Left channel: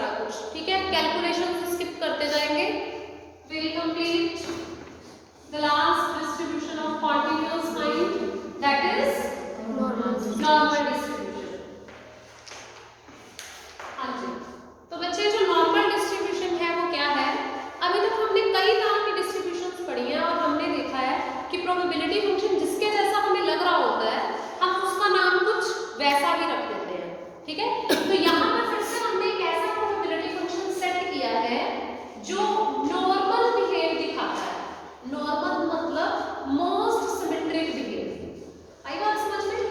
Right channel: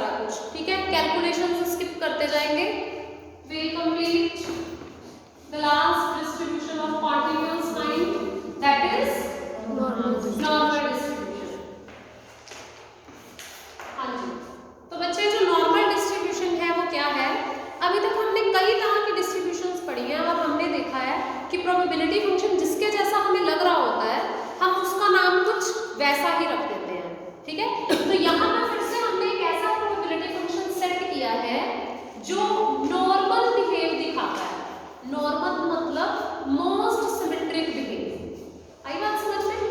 सारा कुछ, ठीक है। कैलकुलेशन स्किप करते जाएंगे। Will complete the last distribution of particles find, that is normal distribution. हाँ जी, तो बच्चे जो नॉर्मल डिस्ट्रीब्यूशन है वो क्या है? अभी तक हमने कई तरह की डिस्ट्रीब्यूशंस पढ़ी हैं और हमने देखा है कि प्रोबेबिलिटी फंक्शन जिसके जैसा हमें लग रहा होता है हम उसका नाम कुछ वैसा ही रख देते हैं, ठीक है। तो यहाँ पर फिर से हमने एक ऐसा प्रोबेबिलिटी फंक्शन सेट किया है जो नॉर्मल बिहेव दिखाता है। नॉर्मल मतलब मोस्ट सिमेट्रिक बिहेव। आई बात समझ में?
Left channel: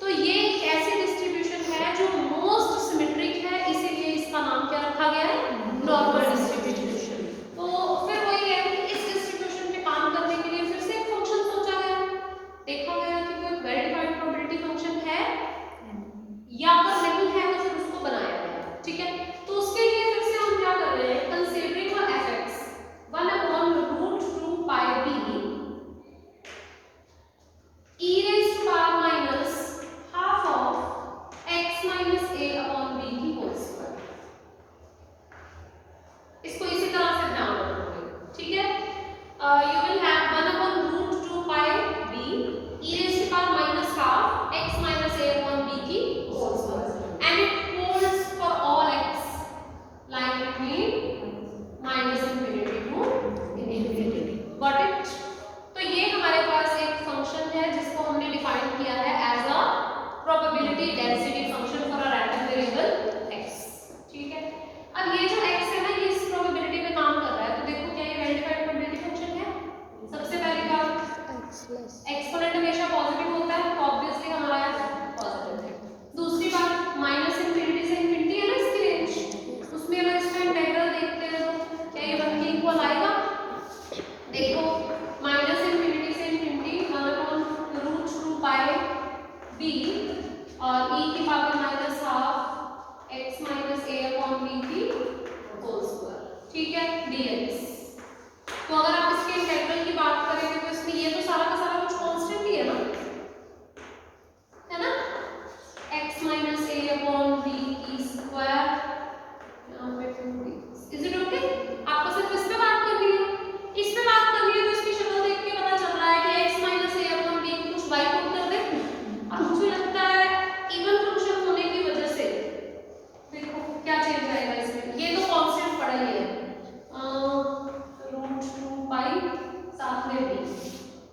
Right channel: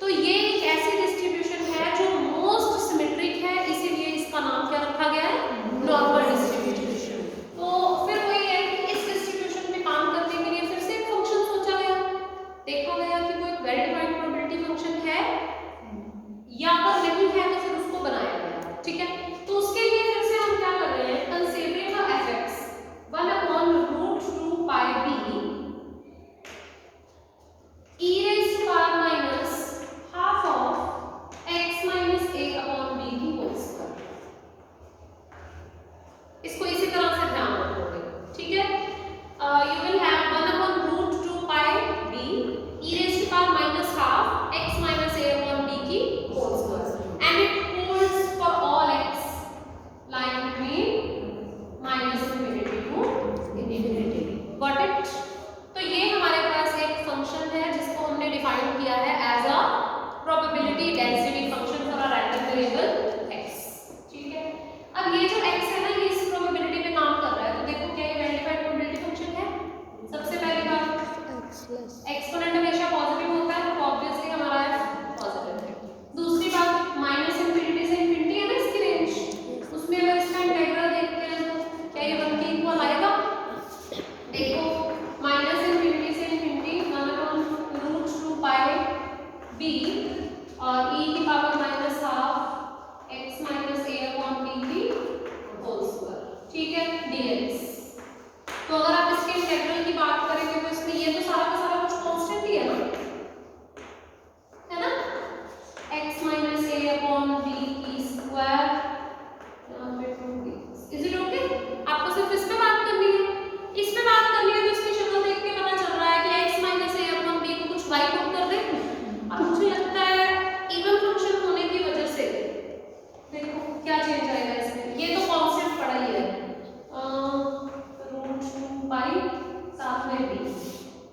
तो ये एक ऐसी डिस्ट्रीब्यूशन है जो मोस्ट सिमेट्रिक है, इसीलिए इसका नाम क्या रखा गया है? Normal distribution. तो फिर वही है कि इस डिस्ट्रीब्यूशन पे काम करने के लिए फिर से एक फंक्शन सोचा गया, देखा गया कि कोई वेल डिफाइंड प्रोबेबिलिटी फंक्शन है या अगर नहीं है तो फिर उसको बनाया गया, ठीक है। तो उसके लिए फिर से हम क्या कर रहे हैं? Considering fx 1/√2 pi b e raised to power minus half of x minus a upon b की होल स्क्वायर। इसको इसी तरह से ध्यान रखोगे, ठीक है। You will have 1/√2 pi b e raised to power minus half x minus a upon b की whole square and it holds for all x lying between minus infinity to infinity। Got it? तो ये हमारे पास एक function है जिसको हमने define किया है as a probability density function for a random variable x, ठीक है। अब ये जो x है ना, ये इस प्रोबेबिलिटी पे काम कर रहा है, तो देखो क्या ये वेरिफाइड प्रोबेबिलिटी फंक्शन है। सबसे पहली बात एक्सपोनेंट हमेशा पॉजिटिव होता है, तो ऑब्वियसली हमारा f पॉजिटिव। दूसरी बात माइनस इंफिनिटी से इंफिनिटी है ना इसकी रेंज, उसमें अगर इसका इंटीग्रल देखते हैं तो क्या ये 1 के इक्वल आएगा? देखो माइनस इंफिनिटी से इंफिनिटी 1/√2 पाई b और e की power minus half x minus a upon b की होल स्क्वायर, ठीक है, dx। तो अगर आप इसके इंटीग्रल की बात करेंगे तो इसमें ये तो सारा का सारा कुछ कांस्टेंट ही है ना, x minus a upon b की स्क्वायर यहाँ पे 2b। Is it okay? आपको सिर्फ इस पे बात करनी है, इस पे बात करनी है, तो इसकी शक्ल देख के पता चल रहा है कि x minus a upon b को कुछ y पुट कर दे। अब मुझे लगता है इवन फंक्शन होने की वजह से देखो क्या चेंज आएगा इसमें, ये तो कांस्टेंट पड़ा ही है √2 पाई साथ में b,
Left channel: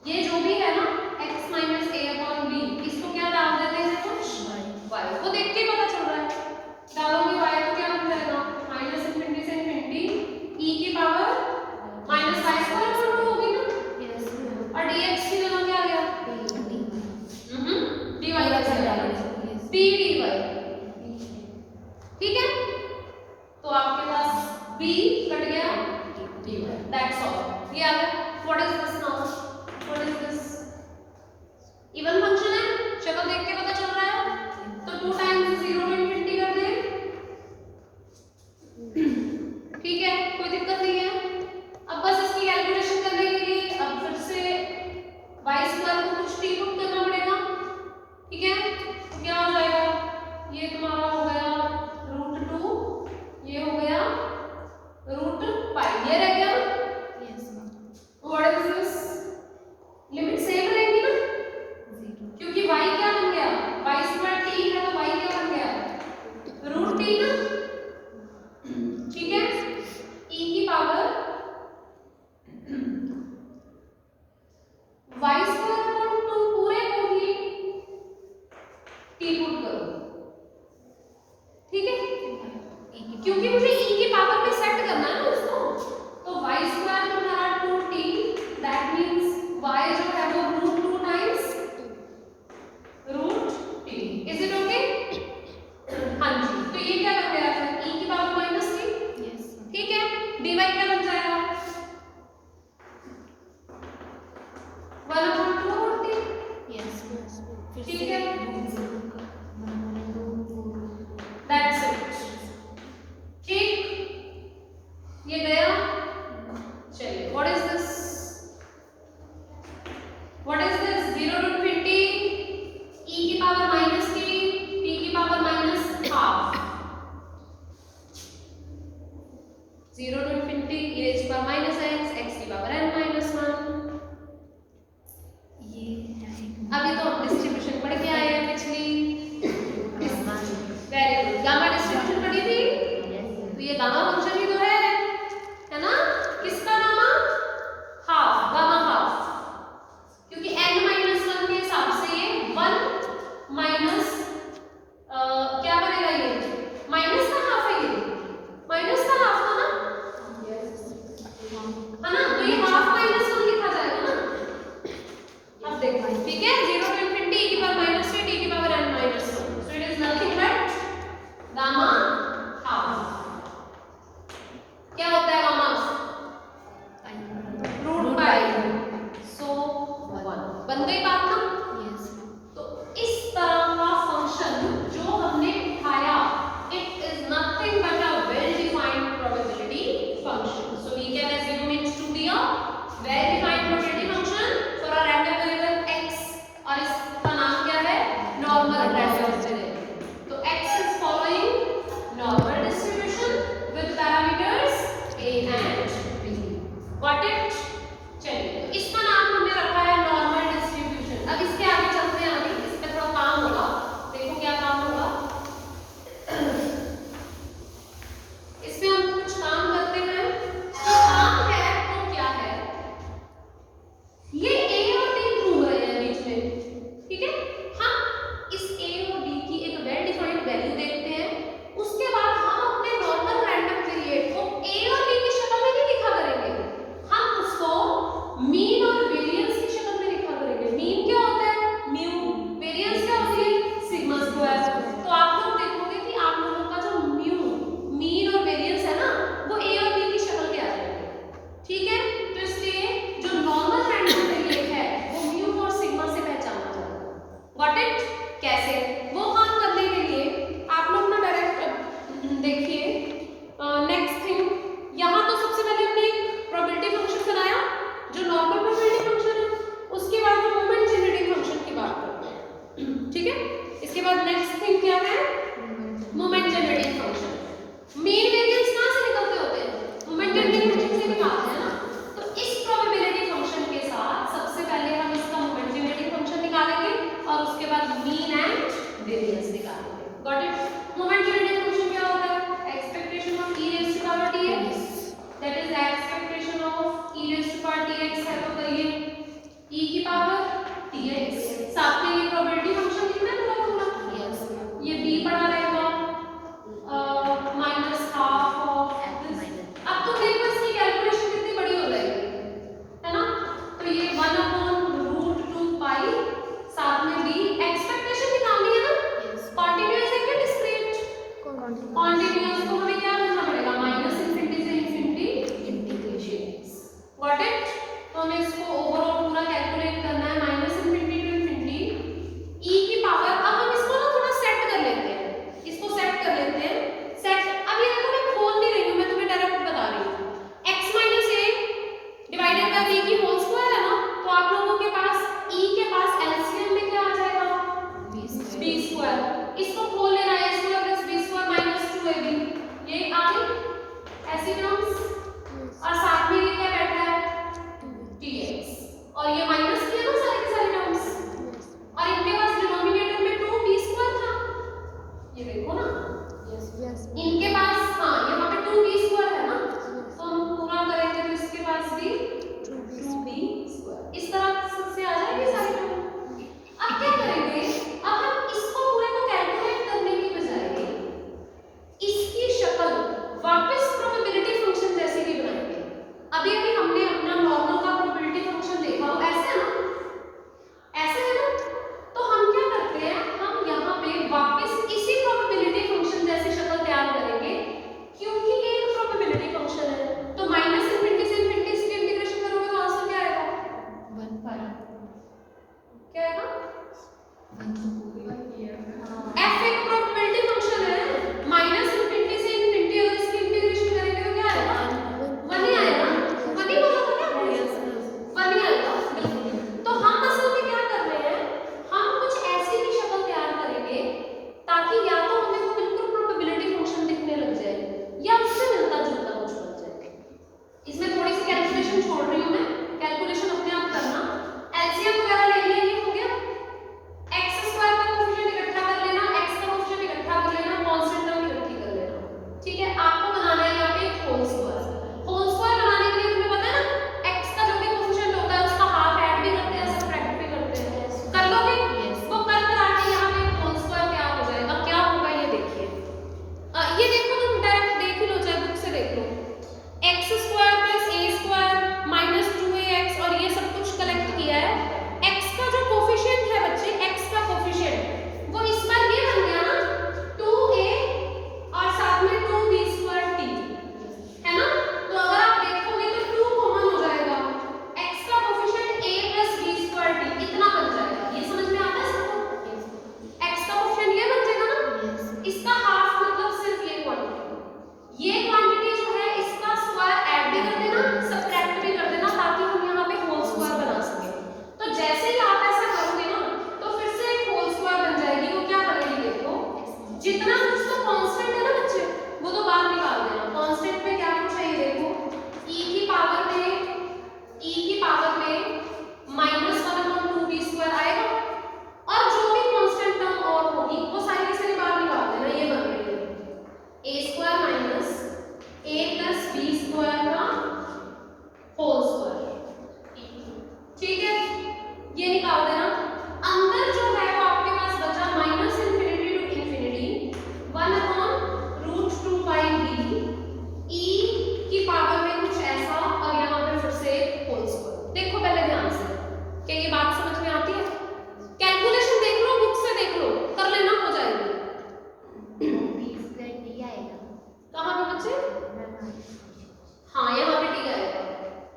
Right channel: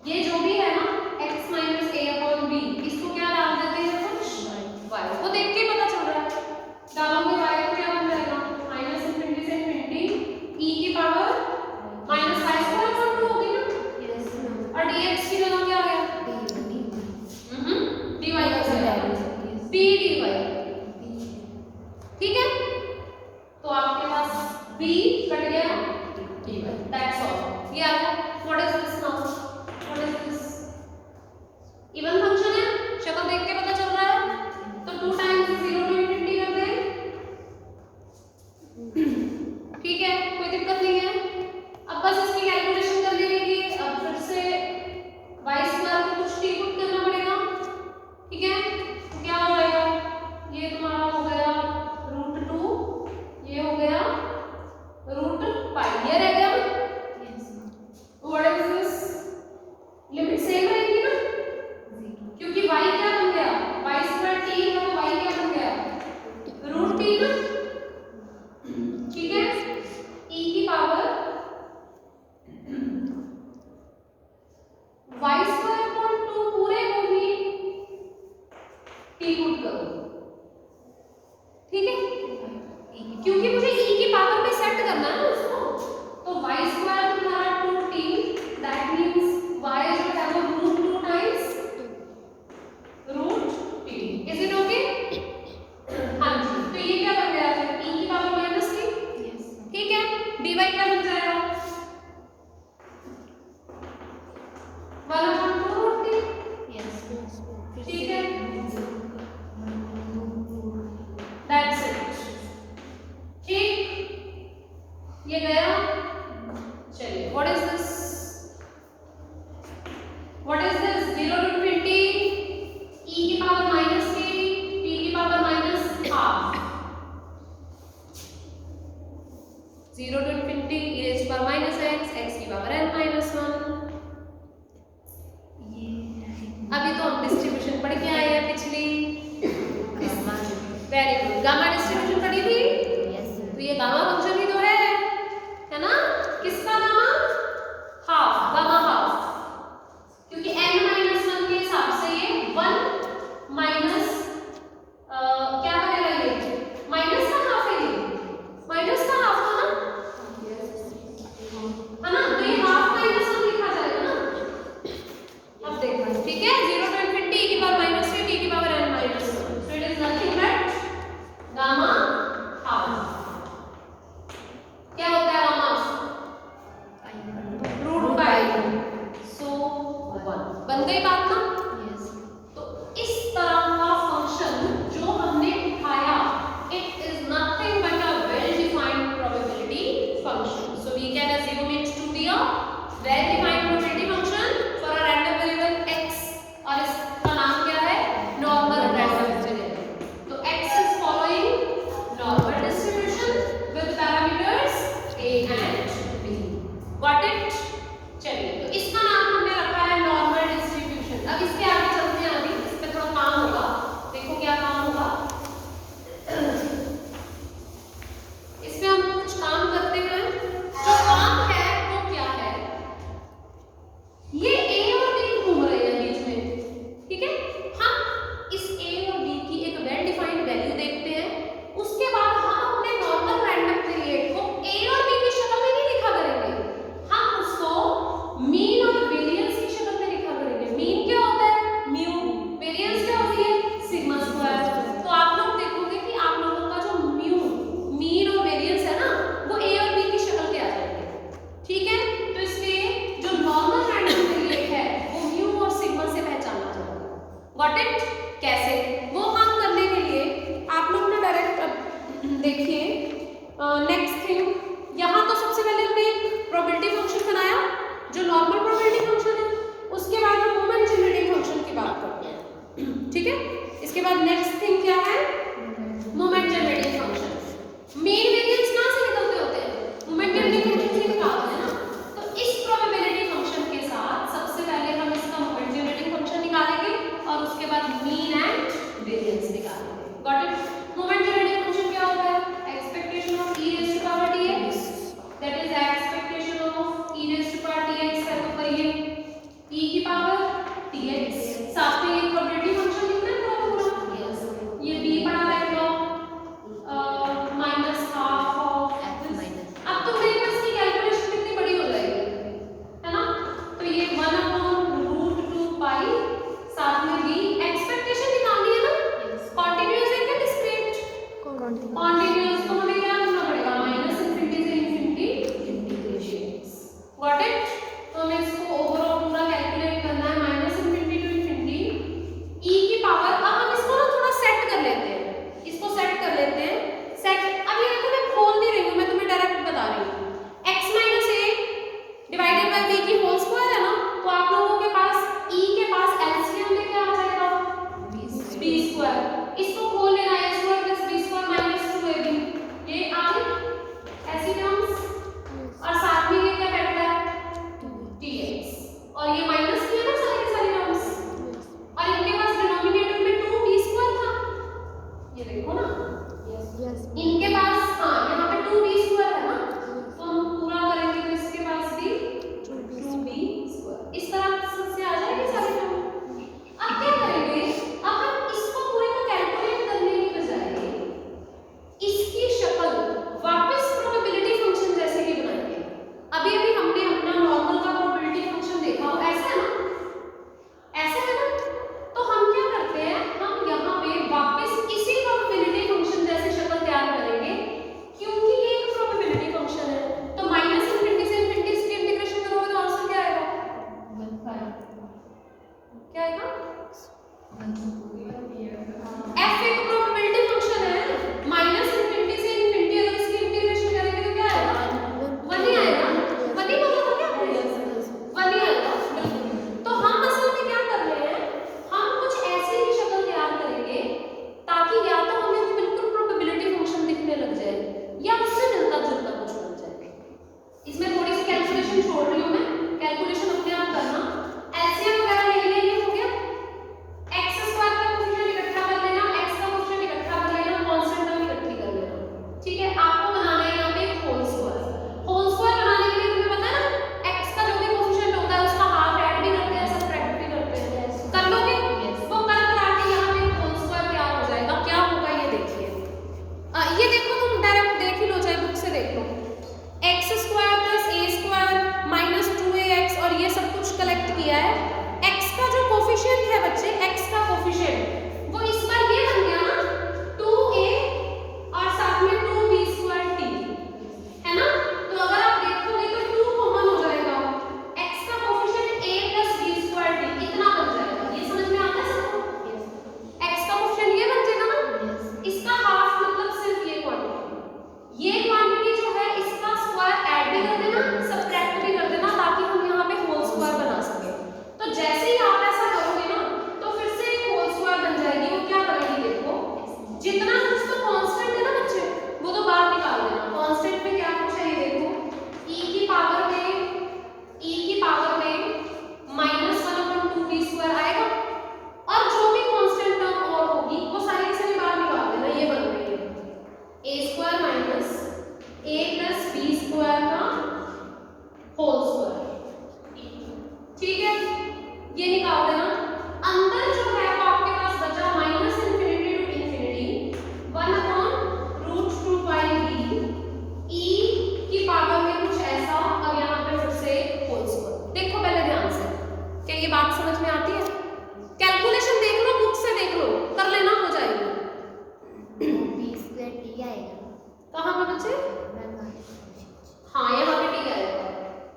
ये जो भी है ना x minus a upon b, इसको क्या डाल देते हैं कुछ y, वो देख के पता चल रहा है। डालोगे y तो क्या बन जाएगा? माइनस इंफिनिटी से इंफिनिटी e की power minus y square upon 2 होगी ना, और dx की जगह क्या आ गया? dy कैसे आएगा? b dy, ठीक है। तो आपके पास b कट गया, दैट्स ऑल, ये आ गया। What is this now? What is this? Even function है, शक्ल देख के पता चल रहा है, तो 2 टाइम्स 0 टू इंफिनिटी कर दें, ठीक है, कोई दिक्कत नहीं है। अब बस इसकी कैलकुलेशन करने के लिए अब फिर से y स्क्वायर को कुछ t पुट करना पड़ेगा, ठीक है। तो क्या हो जाएगा? ये तुम्हारा हो गया √2, ये हो गया √π, ये रह गया ना। What is this? Limit same रहेगी ना, क्योंकि y क्या बन गया? y स्क्वायर t है तो y क्या बन गया? √t ना, ठीक है। e की पावर y स्क्वायर अपॉन 2 पूरे को ही t पुट करो, ठीक है, क्योंकि मुझे e की पावर पे सेट करना है ना उसको, तो y स्क्वायर तुम्हारा 2t, दैट मींस y जो है वो √2 times √t। Is it okay? हाँ जी, तो ये क्या बन गया फिर? e की पावर माइनस 3, ठीक है। dy क्या बन जाएगा? 1/2 √t, ठीक है। 0 to infinity e raised to power minus x की पावर n minus 1। अभी तो हम डिस्ट्रीब्यूशन पढ़ के आए हैं पिछली। वेरी गुड, गामा डिस्ट्रीब्यूशन पढ़ी थी। तो ये गामा फंक्शन ही तो है ना? किसका गामा? हाफ, गामा हाफ, क्योंकि n minus 1 के हिसाब से ये 1 माइनस क्या बनेगा, ये माइनस का हाफ है, ये माइनस का हाफ है ना, तो ये हाफ माइनस 1 लिखा जाएगा ना। अब देखो, ठीक है, 0 to infinity e की पावर माइनस में t की power n minus 1, so it is nothing but gamma half. क्या होता है गामा? रूट पाई, सो 1। बन गई बात ना? तो इस तरह का फंक्शन जो हमने उठाया, it is nothing but a well-defined probability function. So we can assume it to be a well-defined probability function for a random variable x, और इसका नाम क्या है? Normal random variable. तो x is following normal distribution with parameters a and b. Got it? चलिए, तो इसका नाम हमने रखा है नॉर्मल डिस्ट्रीब्यूशन। अब इसके आगे चलते हैं, अभी इस पे थोड़ा काम होगा। देखो क्या काम होगा। इसमें हम कुछ काम करते हैं। जो काम है वो क्या है? ये a और b घूम रहे हैं बीच में, ठीक है? हम इस a और b की एक वेल डिफाइंड वैल्यू देखते हैं। उसके बाद हम अपने नॉर्मल रैंडम वेरिएट को a और b की शक्ल में नहीं लिखा करेंगे, हम उसको मीन और वेरिएंस की शक्ल में लिखा करेंगे। मीन क्या होता है? म्यू। वेरिएंस क्या होती है? Sigma square. तो आप लोग देखोगे कि आप लोगों का जो म्यू, मीन और वेरिएंस है ना, वो a और b की शक्ल के आ जाएंगे, ठीक है? तो इसलिए जो नॉर्मल रैंडम वेरिएट है वो म्यू और सिग्मा से पहचाना जाएगा। Got it? कैसे? वो काम करने के लिए आप लोग ना डायरेक्ट देखिए, नेक्स्ट थिंग, यहाँ तो सबसे पहले हमने एक प्रोबेबिलिटी फंक्शन बनाया जो नॉर्मल प्रोबेबिलिटी फंक्शन है। उसके बाद हम मोमेंट जनरेटिंग फंक्शन की बात करते हैं, ठीक है? इसके बाद नेक्स्ट थिंग क्या है? Moment generating function. Mean variance कहाँ से निकलते होते हैं? मोमेंट जनरेटिंग फंक्शन से निकालते हैं ना। तो इस प्रोबेबिलिटी फंक्शन के साथ सबसे पहले हम इसका मोमेंट जनरेटिंग फंक्शन निकालेंगे और उसके बाद मीन एंड वेरिएंस निकालेंगे। Got it? Moment generating function क्या होता है? Expectation of e raised to power tx, that is expectation of e raised to power tx है, तो कहिए e की पावर tx, साथ में ये प्रोबेबिलिटी फंक्शन लिखना है पूरा पूरा। ये b पड़ा रहेगा माइनस हाफ ऑफ। अब तो देखो इसकी कैलकुलेशन कितनी बड़ी हो जाएगी, है ना? तो ये 1/√2 पाई, साथ में b। एक्सपेक्टेशन निकालनी है ना, कॉन्टिन्यूअस है क्या डिस्क्रीट? कॉन्टिन्यूअस, तो हमें क्या करना पड़ेगा? माइनस इंफिनिटी से इंफिनिटी इंटीग्रेशन। Got it? तो हमें इसको ओवरऑल पूरा कैलकुलेट करना है, minus infinity to infinity e की पावर। अब हम इसको ना थोड़ा सेट कर लेते हैं, इसको सेट कर लेते हैं। सेट, अब ये देखो मैं खोल नहीं रही हूँ, मैं तुम्हें डायरेक्ट बता रही हूँ। x minus a divided by b की होल स्क्वायर है ना, तो आप लोगों के पास e के पास एलसीएम में क्या आ जाएगा? b square. इसको खोल लेना, a square plus b square minus 2ab, ये आ गई ऐसी टर्म्स, और साथ में ये क्या बैठा है? tx, और ये माइनस किया ना सारी की सारी टर्म्स, और इनके पास डिनोमिनेटर में 2b स्क्वायर था, ये देखो ना। इनके पास हाँ यहाँ पे 2b स्क्वायर है ना, तो हम पूरा करेंगे तो इसके पास भी 2b स्क्वायर। इस तरह से आ जाएगी सारी टर्म। अब क्या करेंगे? अब हम इसको पूरे को कैलकुलेट करने की बजाय इसकी शक्ल वापस प्रोबेबिलिटी फंक्शन जैसे ही बनाएंगे। अभी अभी हमने अपना नॉर्मल का प्रोबेबिलिटी फंक्शन देखा, ऐसे है ना, ऐसे है ना। तो हम क्या करते हैं? हम यहाँ पे वापस इसी प्रोबेबिलिटी फंक्शन जैसे शक्ल तैयार करेंगे, क्योंकि ये एक प्रोबेबिलिटी फंक्शन है। तो माइनस इंफिनिटी से इंफिनिटी इसकी इंटीग्रेशन करोगे तो आंसर क्या आएगा? 1/, क्या आएगा? f एक प्रोबेबिलिटी फंक्शन है, माइनस इंफिनिटी से इंफिनिटी अगर इसकी इंटीग्रेशन करेंगे तो क्या आएगा? 1 ही आएगा। 1 ही बोला था क्या? 1 ही आएगा। तो हम असल में क्या कर रहे हैं? हम कुछ ऐसी ही शक्ल तैयार करेंगे ताकि या तो हमें बिल्कुल प्रोबेबिलिटी फंक्शन दिखने लग जाए या उससे मिलता जुलता कुछ बन जाए।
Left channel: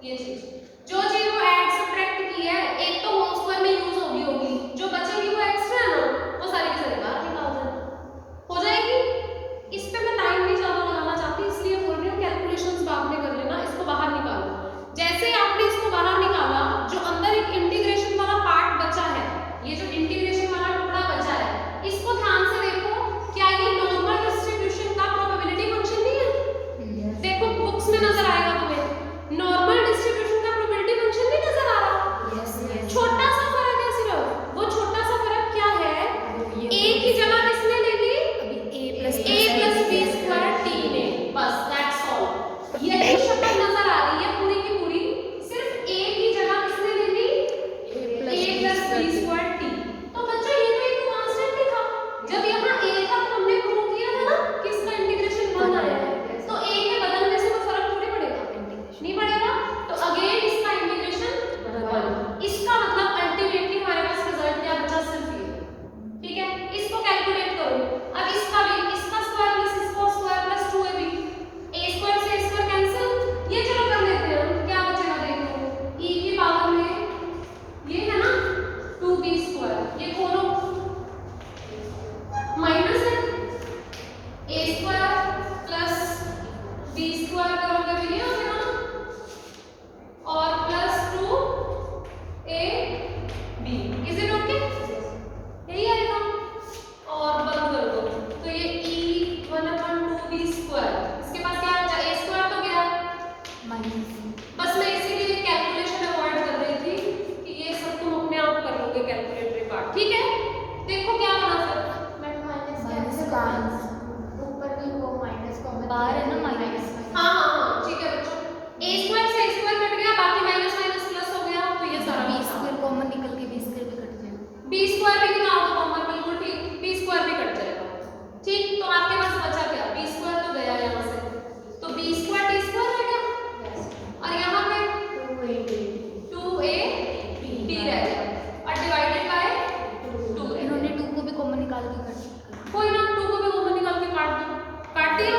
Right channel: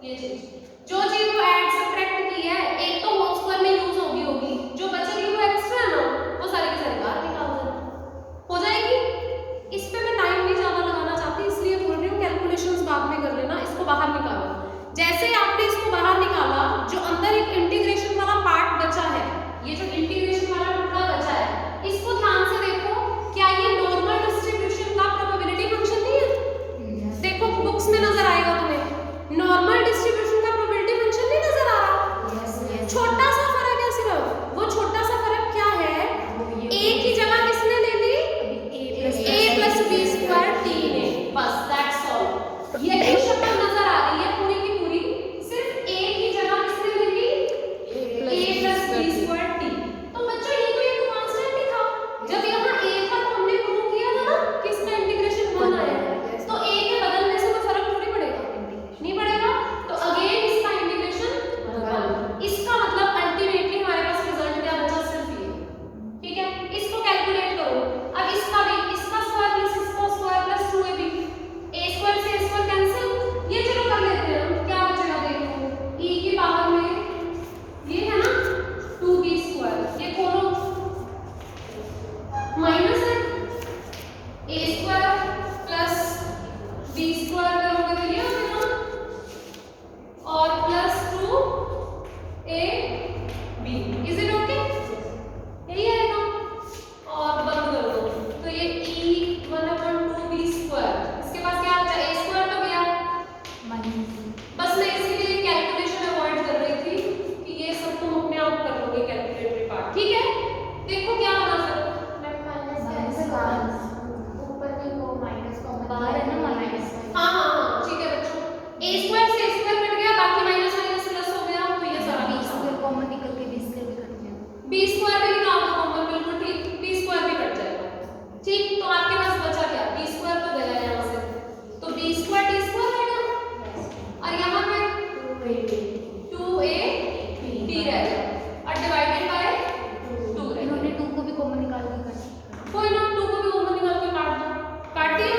ये चीज जो चीज वो ऐड सब्ट्रैक्ट की है, एक तो होल स्क्वायर में यूज होगी, जो बचेगी वो एक्स्ट्रा है ना, वो सारी की सारी बाहर निकाल देना हो जाएगी। इस पे मैं टाइम नहीं ज्यादा लगाना चाहती, इसलिए बोल रही हूँ कैलकुलेशंस बाद में कर लेना। इसको बाहर निकालो। जैसे आपने इसको बाहर निकाला, जो अंदर एक इंटीग्रेशन वाला पार्ट बचा है, ये जो इंटीग्रेशन वाला टुकड़ा बचा है, इसको ध्यान से देखो। क्या ये नॉर्मल डिस्ट्रीब्यूशन का प्रोबेबिलिटी फंक्शन नहीं है? देखो बुक्स में नजर आएगा तुम्हें, नॉर्मल डिस्ट्रीब्यूशन का प्रोबेबिलिटी फंक्शन नहीं नजर आ रहा? छोटा सा फर्क है सिर्फ। वो छोटा सा फर्क क्या है? a की जगह किसने ले ली? a plus b square t ने। बस दैट्स ऑल। ये जो शक्ल नजर आ रही है पूरी की पूरी, सिर्फ a की जगह किसने ले ली? a plus b square t। तो बच्चों ये तो एक कांस्टेंट ही था। जब यहाँ a था तो हमने प्रूव किया था ना कि इसका इंटीग्रेशन 1 आएगा। तो a के बदलने से कोई फर्क थोड़ी पड़ेगा, नहीं पड़ेगा। तो अगेन इसका इंटीग्रेशन 1। इसका मतलब अल्टीमेटली हमारे पास रिजल्ट क्या बचा? सिर्फ ये। ठीक है, इसको कैलकुलेट करो। अब इसका भी, इसका स्क्वायर प्लस इसका square plus 2ab, a square से a स्क्वायर कैंसिल। ये चलो कर लेते हैं हम। क्या बचेगा देखो, e की पावर में ये है ना 2b स्क्वायर, ये खोलो minus a square plus b square करोगे तो ये हो जाएगा और plus 2ab। Is it okay? यही आएगा और बंद कर दो। तो ये e1/2b स्क्वायर, इसके पास क्या बचा? a स्क्वायर तो गया। बस मैं इसके लिए कैलकुलेशन अवॉइड कर रही थी कि ये सब तुम अपने आप कर लोगे कैलकुलेटरी पार्ट। ठीक है, देखो क्या बना फिर। हाँ हाँ हाँ ठीक है बच्चों, a स्क्वायर से a स्क्वायर कट गया, बाकी माइनस माइनस प्लस हो गया। तो ये सारा b स्क्वायर कॉमन निकल के b स्क्वायर भी कट जाएगा। b स्क्वायर भी निकाल दो कॉमन, बिल्कुल ठीक, b स्क्वायर भी कट जाएगा। ठीक, तो आपके पास बचा क्या? b स्क्वायर तो गया यहाँ से, तो b स्क्वायर t स्क्वायर रह गया और यहाँ पे 2ab रह गया और डिवाइडेड बाय 2। इन्होंने 2 को भी कॉमन निकाल के काट, कोई ना 2 को भी कॉमन निकाल के काट दो। काट दिया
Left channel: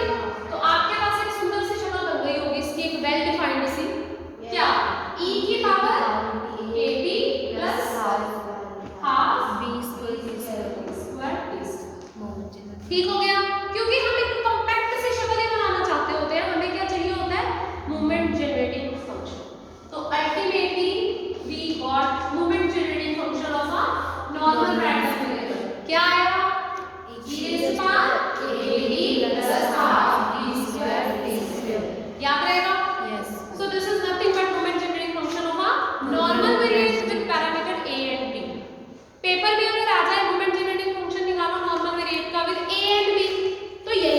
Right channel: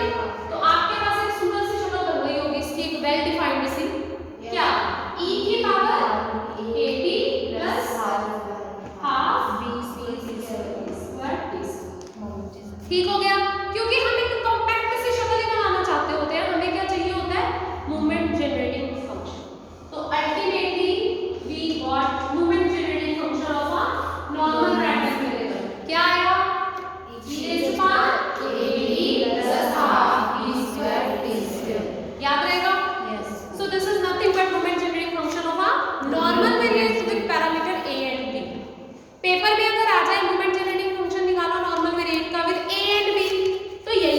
तो आपके पास एक सुंदर सी शक्ल बन गई होगी इसकी, एक वेल डिफाइंड सी। क्या? e की power ab plus half b square t। ठीक हो गया? क्योंकि हम एक कॉम्पैक्ट सी शक्ल ही बनाना चाहते होते हैं, हमें क्या चाहिए होता है? Movement generating function. तो ultimately we got movement generating function of a normal random variable. क्या आया? e raised to power ab plus half b square t square। याद रहेगा? Yes. So this is nothing but moment generating function of a normal variable with parameter a and b। Paper में अगर आ जाए moment generating function निकालो normal variable का with a and b, तो यही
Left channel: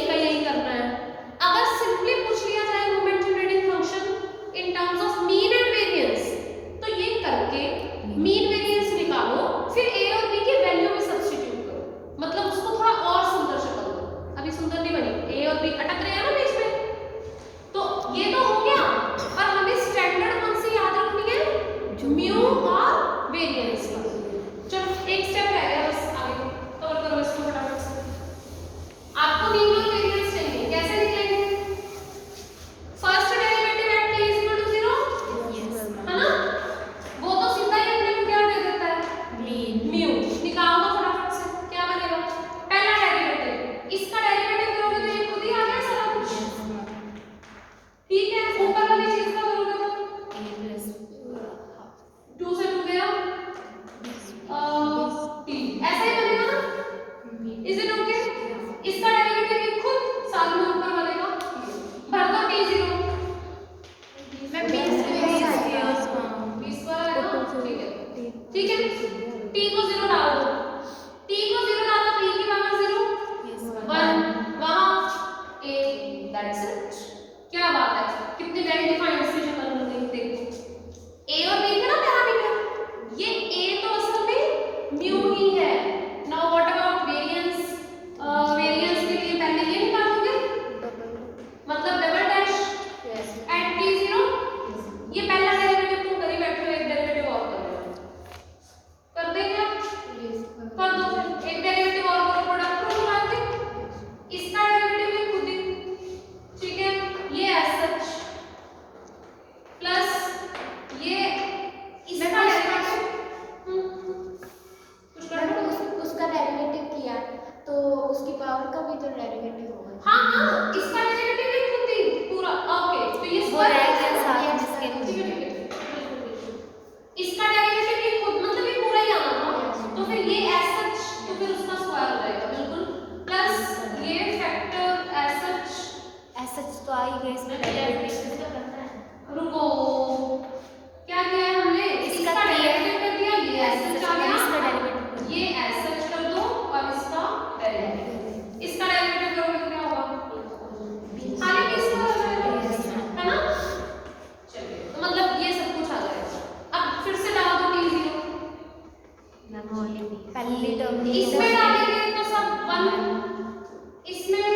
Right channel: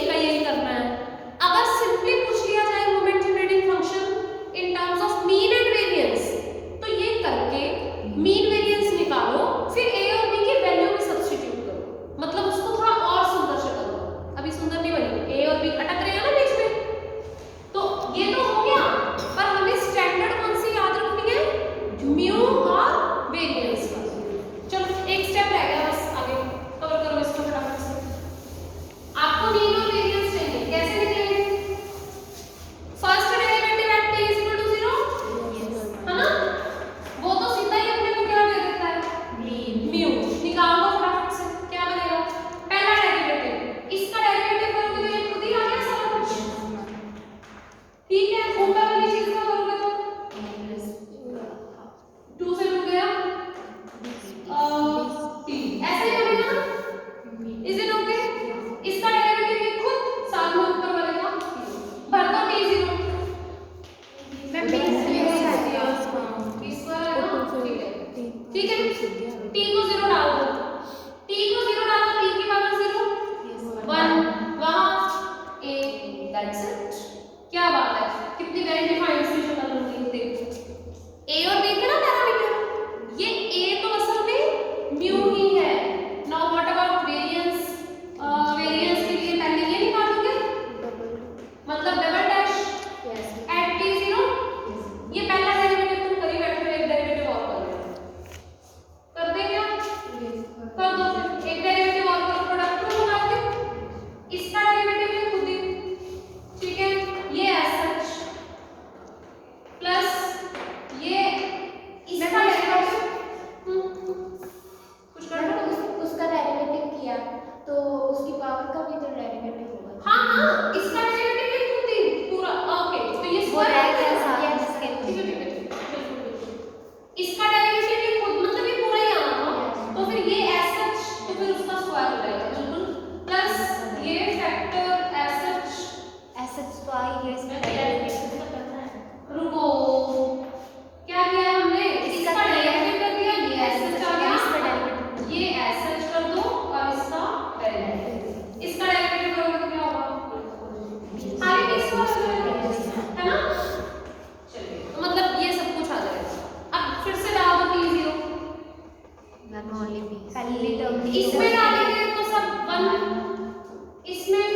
इसमें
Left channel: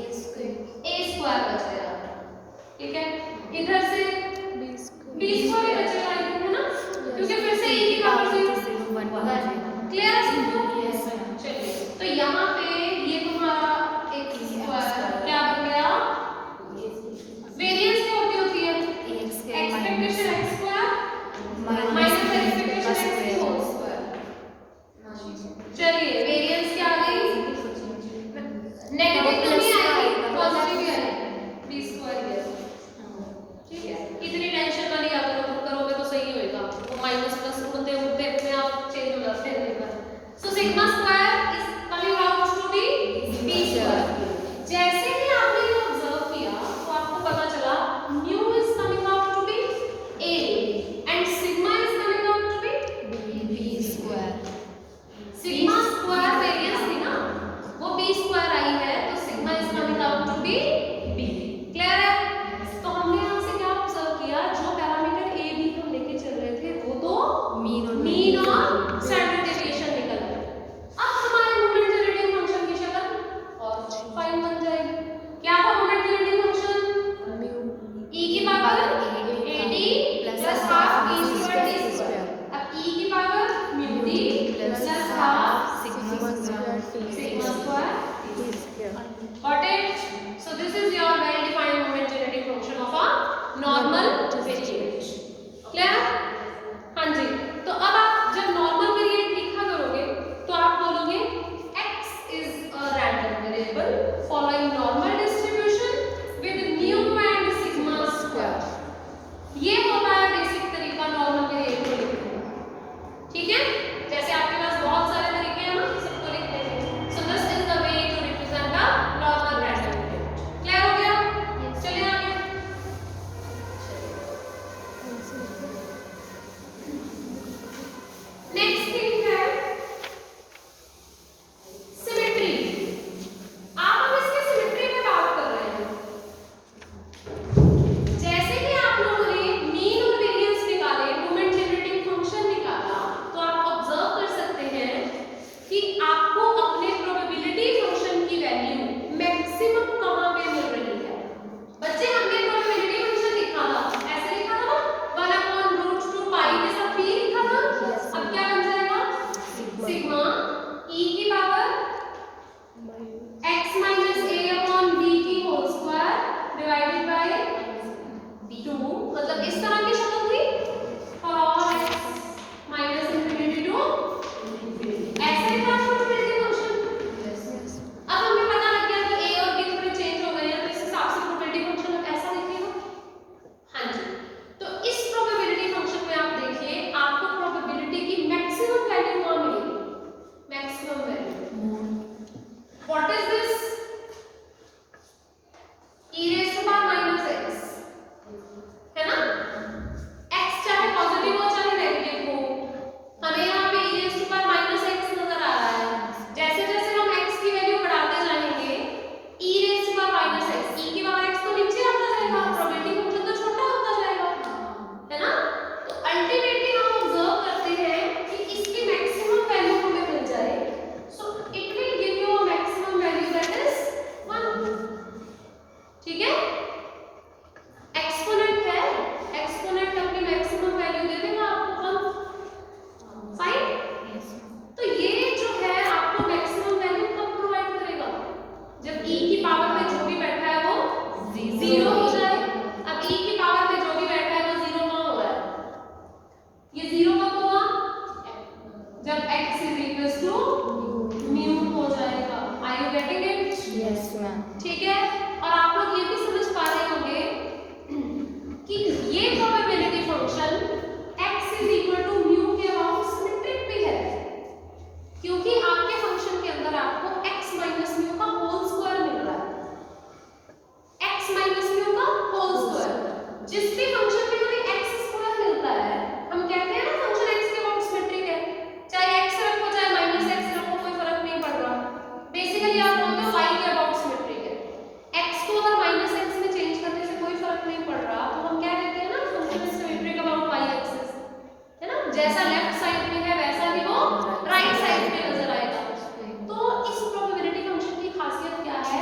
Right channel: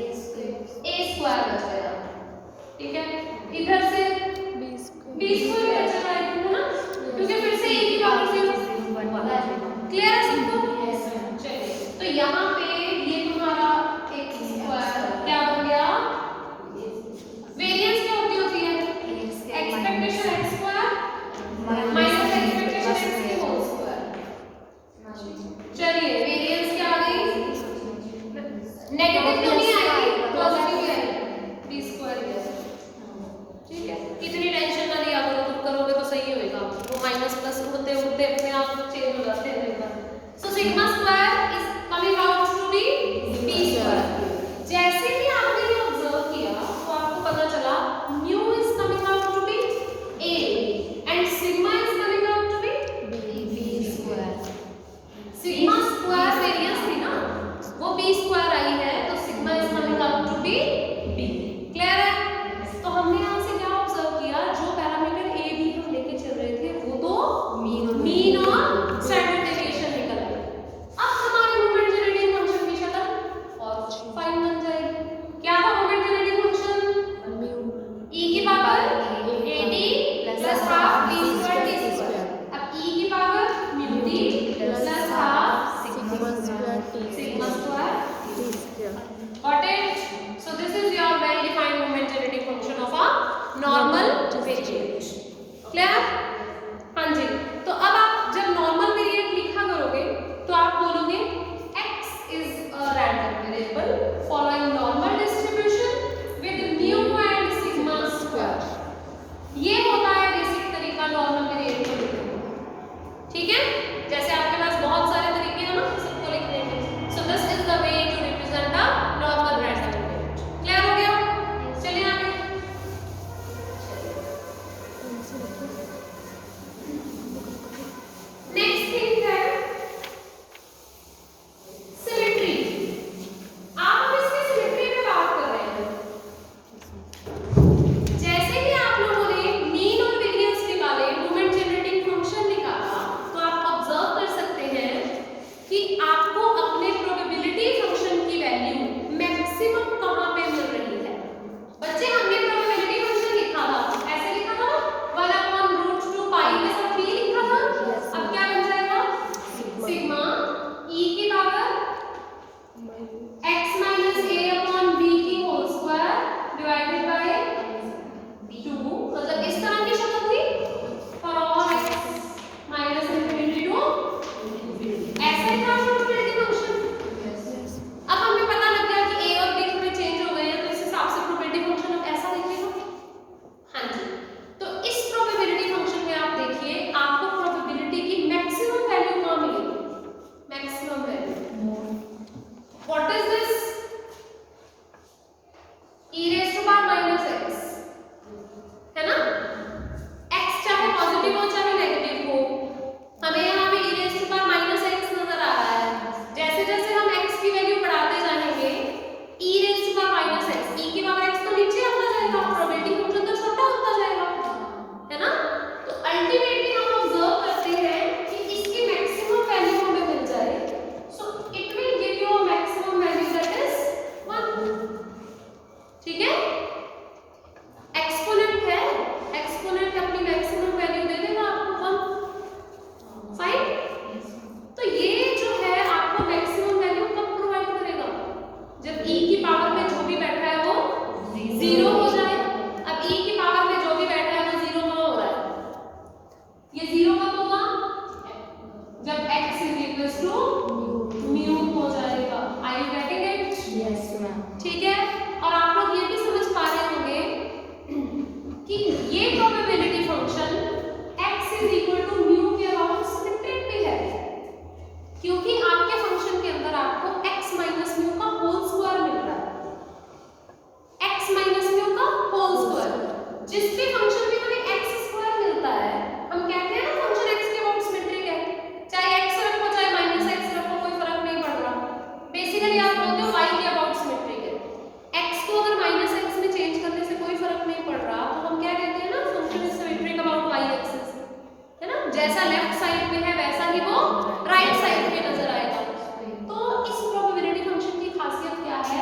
a स्क्वायर बचेगा, ठीक है। इधर से b स्क्वायर ही बचेगा, है ना, क्योंकि फिर से a की पावर 0 क्लियर है सबको। चलिए तो यहाँ पे ये तुम्हारा x स्क्वायर क्या बन गया, वेरिएंस क्या होती है, expectation x square minus expectation x की होल स्क्वायर। चलिए वेरिएंस क्या आ गई, नेगेटिव तो नहीं आएगी, पॉजिटिव ही आएगी, b स्क्वायर ही है, ठीक है। इतनी टेंशन ना लिया करो, तुम करोगे तो सही होएगा, वो माइनस प्लस होते होते अपने आप चेंज हो जाते हैं। So sigma square is coming out to be b square. जैसे ही आपने ये ऑब्जर्व किया तो आपको पता चला mu is coming out to be a and sigma is coming out to be b square. Sigma square variance थी ना, वो b स्क्वायर आई है, तो sigma is coming out to be b। Clear है। तो हमने यहाँ से क्या ऑब्जर्व किया, जो पैरामीटर a b हम लेके चल रहे थे वो तो मीन और स्टैंडर्ड डेविएशन निकल आए। अब हमारे मोमेंट जनरेटिंग फंक्शन की शक्ल और फाइन बन जाएगी। क्या था moment generating function, mu e की power ad plus half b square t square. अब e की power mu t plus half sigma square t square. Got it? So this is your well defined moment generating function of a normal variant. Clear? हाँ जी। तो अब आप जब normal variant लिखा करोगे तो आप बोलोगे x is a random variable following normal distribution with mu and sigma square. ये होता है बेसिक तरीका normal variant को लिखने का, ठीक है। जैसे आपके पास बहुत सारे तरीके हैं ना सबको लिखने के, so this is the way to represent the normal random variant. Clear हो गया? चलिए आगे। नेक्स्ट थिंग है सिमेट्री। आप अब इसकी सिमेट्री पे बात कर रहे हैं। जैसे कि आप लोगों ने मीन और वेरिएंस निकाले, मोमेंट जनरेटिंग फंक्शन निकाला, तो आप ऑब्जर्व कर सकते हैं कि आपको अपने प्रोबेबिलिटी फंक्शन की वैल्यू मैक्सिमम कहां पे मिल रही है। बच्चे हमने प्रोबेबिलिटी फंक्शन लिखा था, ऐसे लिखा था 1/√2 पाई के साथ भी लिखा था। अब क्या बन जाएगा, सिग्मा e की power x minus a upon b की होल स्क्वायर डिवाइडेड बाय 2, मतलब इस तरह की शक्ल हुई for all x minus infinity to ऐसे था प्रोबेबिलिटी फंक्शन। अब हमें पता लग गया कि a और b थोड़े चेंज हो गए हैं, तो इस हिसाब से प्रोबेबिलिटी फंक्शन अब ऐसा लिखेगा। हाँ जी। तो इस प्रोबेबिलिटी फंक्शन में आप देखिए आपको प्रोबेबिलिटी की मैक्सिमम वैल्यू कहां मिलेगी, maximum value. What is this, e raised to power minus x, है ना। x चाहे पॉजिटिव हो चाहे नेगेटिव हो, हमें यहाँ पे e raised to power minus x नजर आ रहा है। जैसे जैसे हम x की वैल्यू बढ़ाते जाएंगे e raised to power minus x, e की पावर x तो नीचे आता जाएगा, प्रोबेबिलिटी फंक्शन तो छोटा होता जाएगा, है ना। तो अल्टीमेटली हम ऑब्जर्व करते हैं कि इसकी मैक्सिमम वैल्यू हमें मिल जाए, so it will give you a maximum value that is 1, ठीक है। एक्सपोनेंट है, एक्सपोनेंट अपनी मैक्सिमम वैल्यू दे देगा आपको 1, फाइन। तो ये जो है आपको मैक्सिमम वैल्यू कब प्रोवाइड करेगा, जब e की पावर में जो भी बैठा है वो 0 हो जाए। अब e की पावर में जो भी बैठा है वो 0 कहाँ हो रहा है, ये 0 कब होगा, जब x is equal to mu हो जाएगा। Are you getting it? Yes ma'am. ठीक है। और आप लोग ये भी समझ पा रहे होंगे कि ये probability function x is equal to mu के अराउंड सिमेट्रिक भी है, क्योंकि आपके फंक्शन के अंदर आपको x माइनस म्यू का होल स्क्वायर मिल रहा है, x माइनस म्यू का होल स्क्वायर। जिस भी फंक्शन में हमें x स्क्वायर मिलता है हम कहते हैं ना फंक्शन x के अराउंड सिमेट्रिक है, चाहे x रखो चाहे माइनस x रखो कोई फर्क नहीं पड़ रहा। बेसिकली आप बोलते हो y के अबाउट सिमेट्रिक है, x को अगर माइनस x में चेंज करने से कोई फर्क नहीं पड़ रहा तो हम क्या कहते हैं ना function is symmetric about y axis, है ना। जैसा लेफ्ट साइड में है वैसा ही वो राइट साइड में नजर आएगा। तो इस प्रोबेबिलिटी फंक्शन की खासियत क्या है,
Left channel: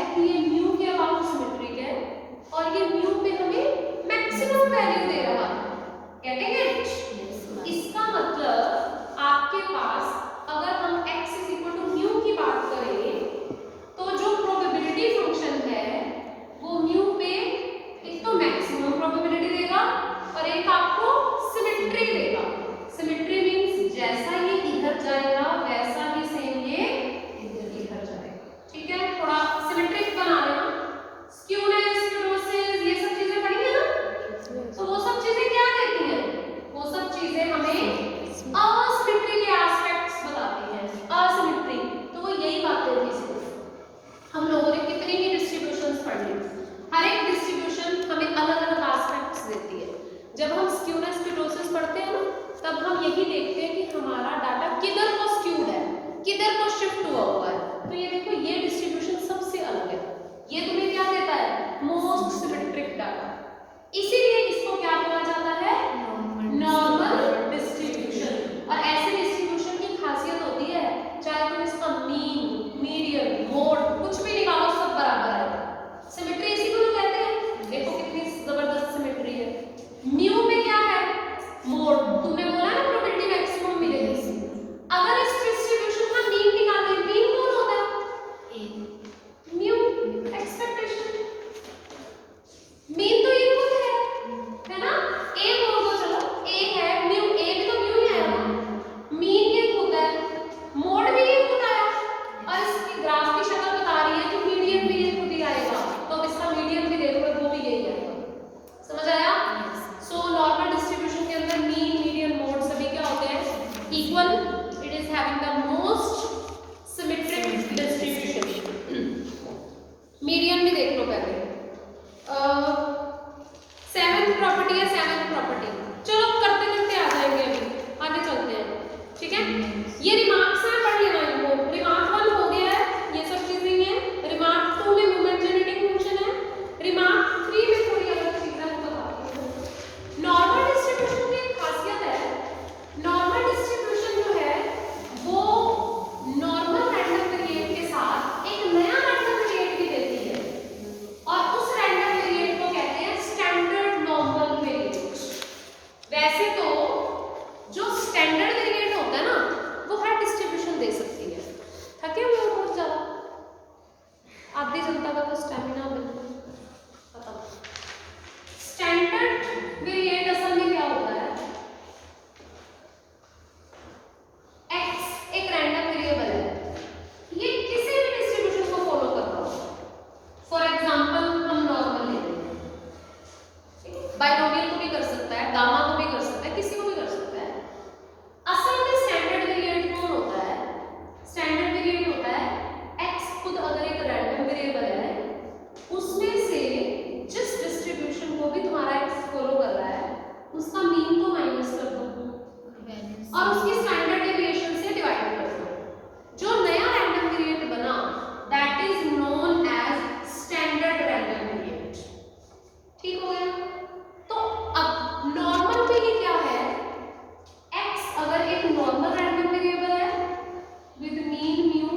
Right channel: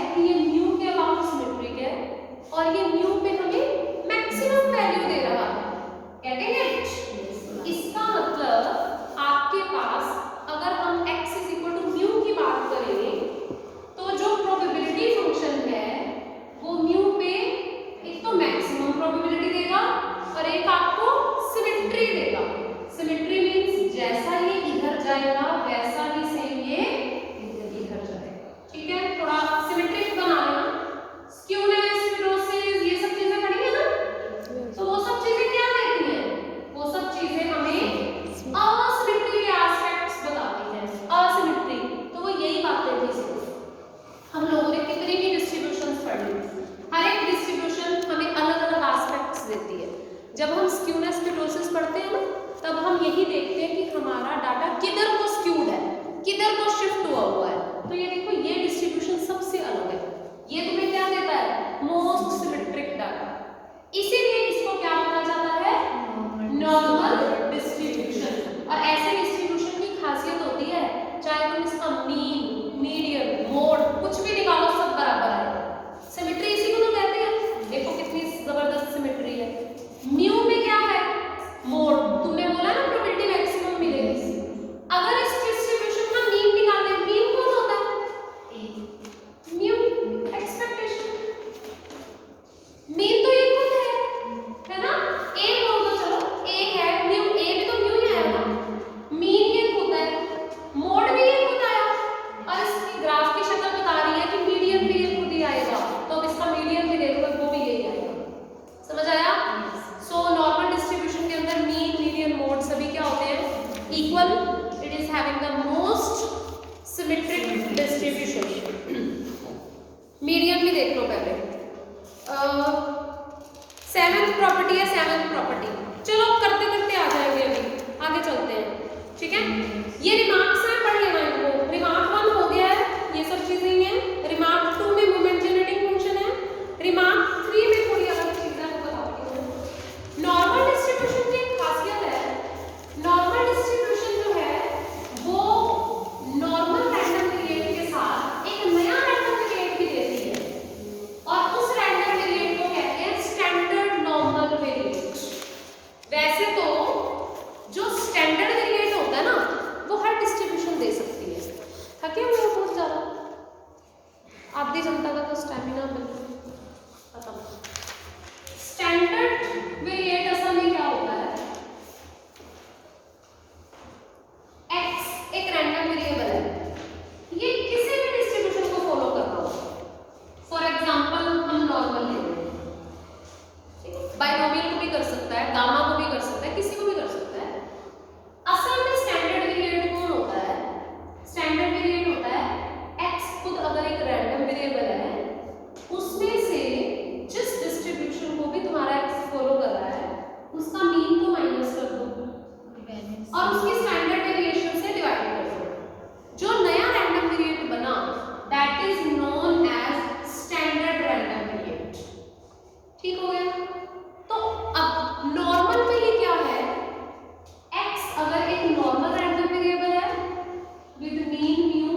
आधी जनता का तो स्टैमिना बिल्कुल खत्म। स्टैंडर्ड वेरिएट असल में क्या होता है? x एक रैंडम वेरिएबल है, ये किसी भी डिस्ट्रीब्यूशन को फॉलो करता होगा। फॉर एग्जांपल हम नॉर्मल ले लें, बाइनोमियल को भी कर सकता है, गामा को भी कर सकता है, किसी को भी कर सकता है। असल में स्टैंडर्ड वेरिएट कौन होता है? स्टैंडर्ड वेरिएट होता है x खुद अगर एक रैंडम वेरिएबल है, उसमें से जिस डिस्ट्रीब्यूशन को भी तुम्हारा x फॉलो कर रहा है उसका मीन को माइनस कर दो और उसकी स्टैंडर्ड डेविएशन से डिवाइड कर दो। जो नया रैंडम वेरिएट बना that is known as standard random variate. ठीक हो गया? तो अब नॉर्मल में ये क्या है? x अगर एक नॉर्मल रैंडम वेरिएबल है with mean mu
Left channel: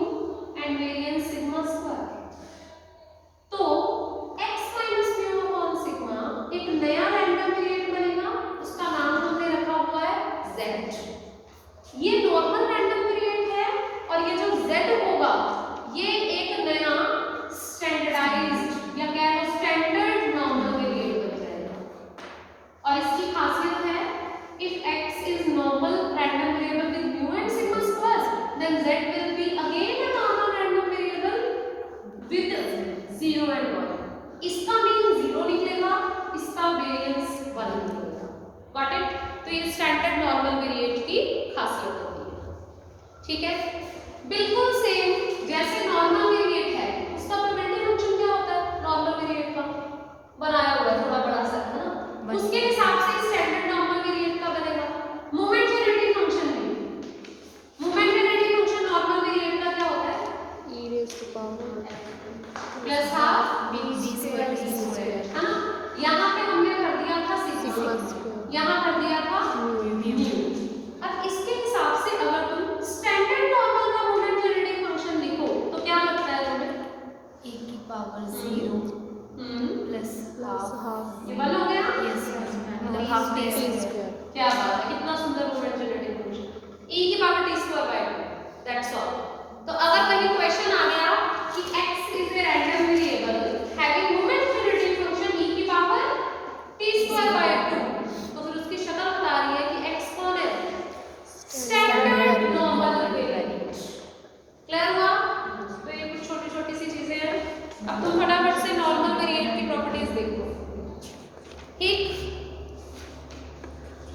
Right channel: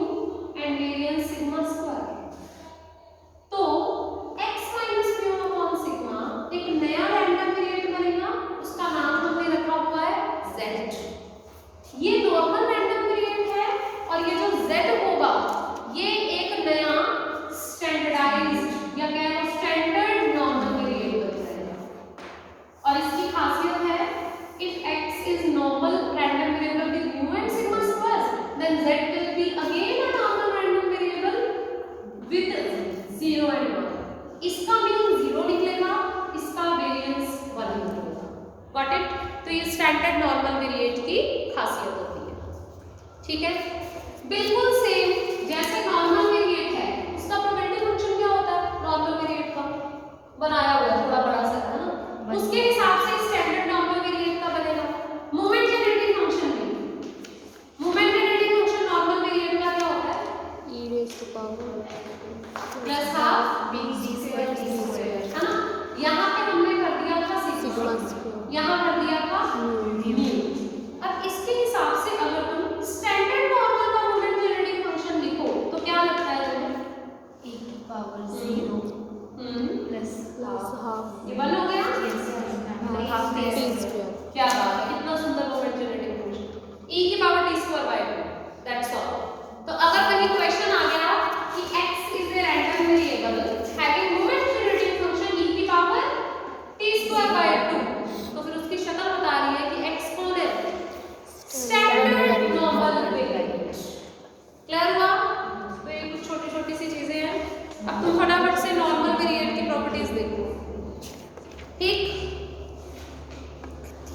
and variance sigma square, तो x minus mu upon sigma एक नया रैंडम वेरिएट बनेगा, उसका नाम हमने रखा हुआ है z। ये नॉर्मल रैंडम वेरिएट है और ये जो z होगा ये एक नया स्टैंडर्डाइज्ड या कह लो स्टैंडर्ड नॉर्मल वेरिएट बन जाएगा। और इसकी खासियत है if x is normal random variable with mu and sigma squares, then z will be again a normal random variable with 0 and 1. इसका मीन 0 निकलेगा, इसका वेरिएंस 1 निकलेगा। Got it? तो ये स्टैंडर्ड नॉर्मल वेरिएट की खासियत होती है। ठीक है? बिल्कुल सेम जैसे नॉर्मल वेरिएट है, उसका प्रोबेबिलिटी फंक्शन क्या होता है? नॉर्मल वेरिएट का बनाया हुआ है, थोड़ा बड़ा सा है ना, उसके हिसाब से स्टैंडर्ड नॉर्मल वेरिएट का बनेगा। मोमेंट जेनरेटिंग फंक्शन भी, moment generating function normal variate का क्या होता है? e raised to power plus half b square है ना। यहाँ पे हमने भर दिया था सिग्मा स्क्वायर, यहाँ भर दिया था म्यू। अब इसके हिसाब से अगर तुम स्टैंडर्ड नॉर्मल का मोमेंट जेनरेटिंग फंक्शन लिखो तो क्या लगता है तुम्हें? e की पावर 0 प्लस हाफ ये बन हो गया? Half t square. क्या बात है, कितना सुंदर मोमेंट जेनरेटिंग फंक्शन e की power t square by 2, that's all. तो अगर कहीं क्वेश्चन आ गया कि x is a random variable having moment generating function e की पावर t स्क्वायर बाय 2, तो फिर उसकी शक्ल बता रही है कि x कौन है? Standard normal variate. क्लियर हुआ? तो ये कुछ छोटी-छोटी सी चीजें हैं। अब तुम फटाफट से नॉर्मल वेरिएट की प्रॉपर्टीज देखो। ठीक,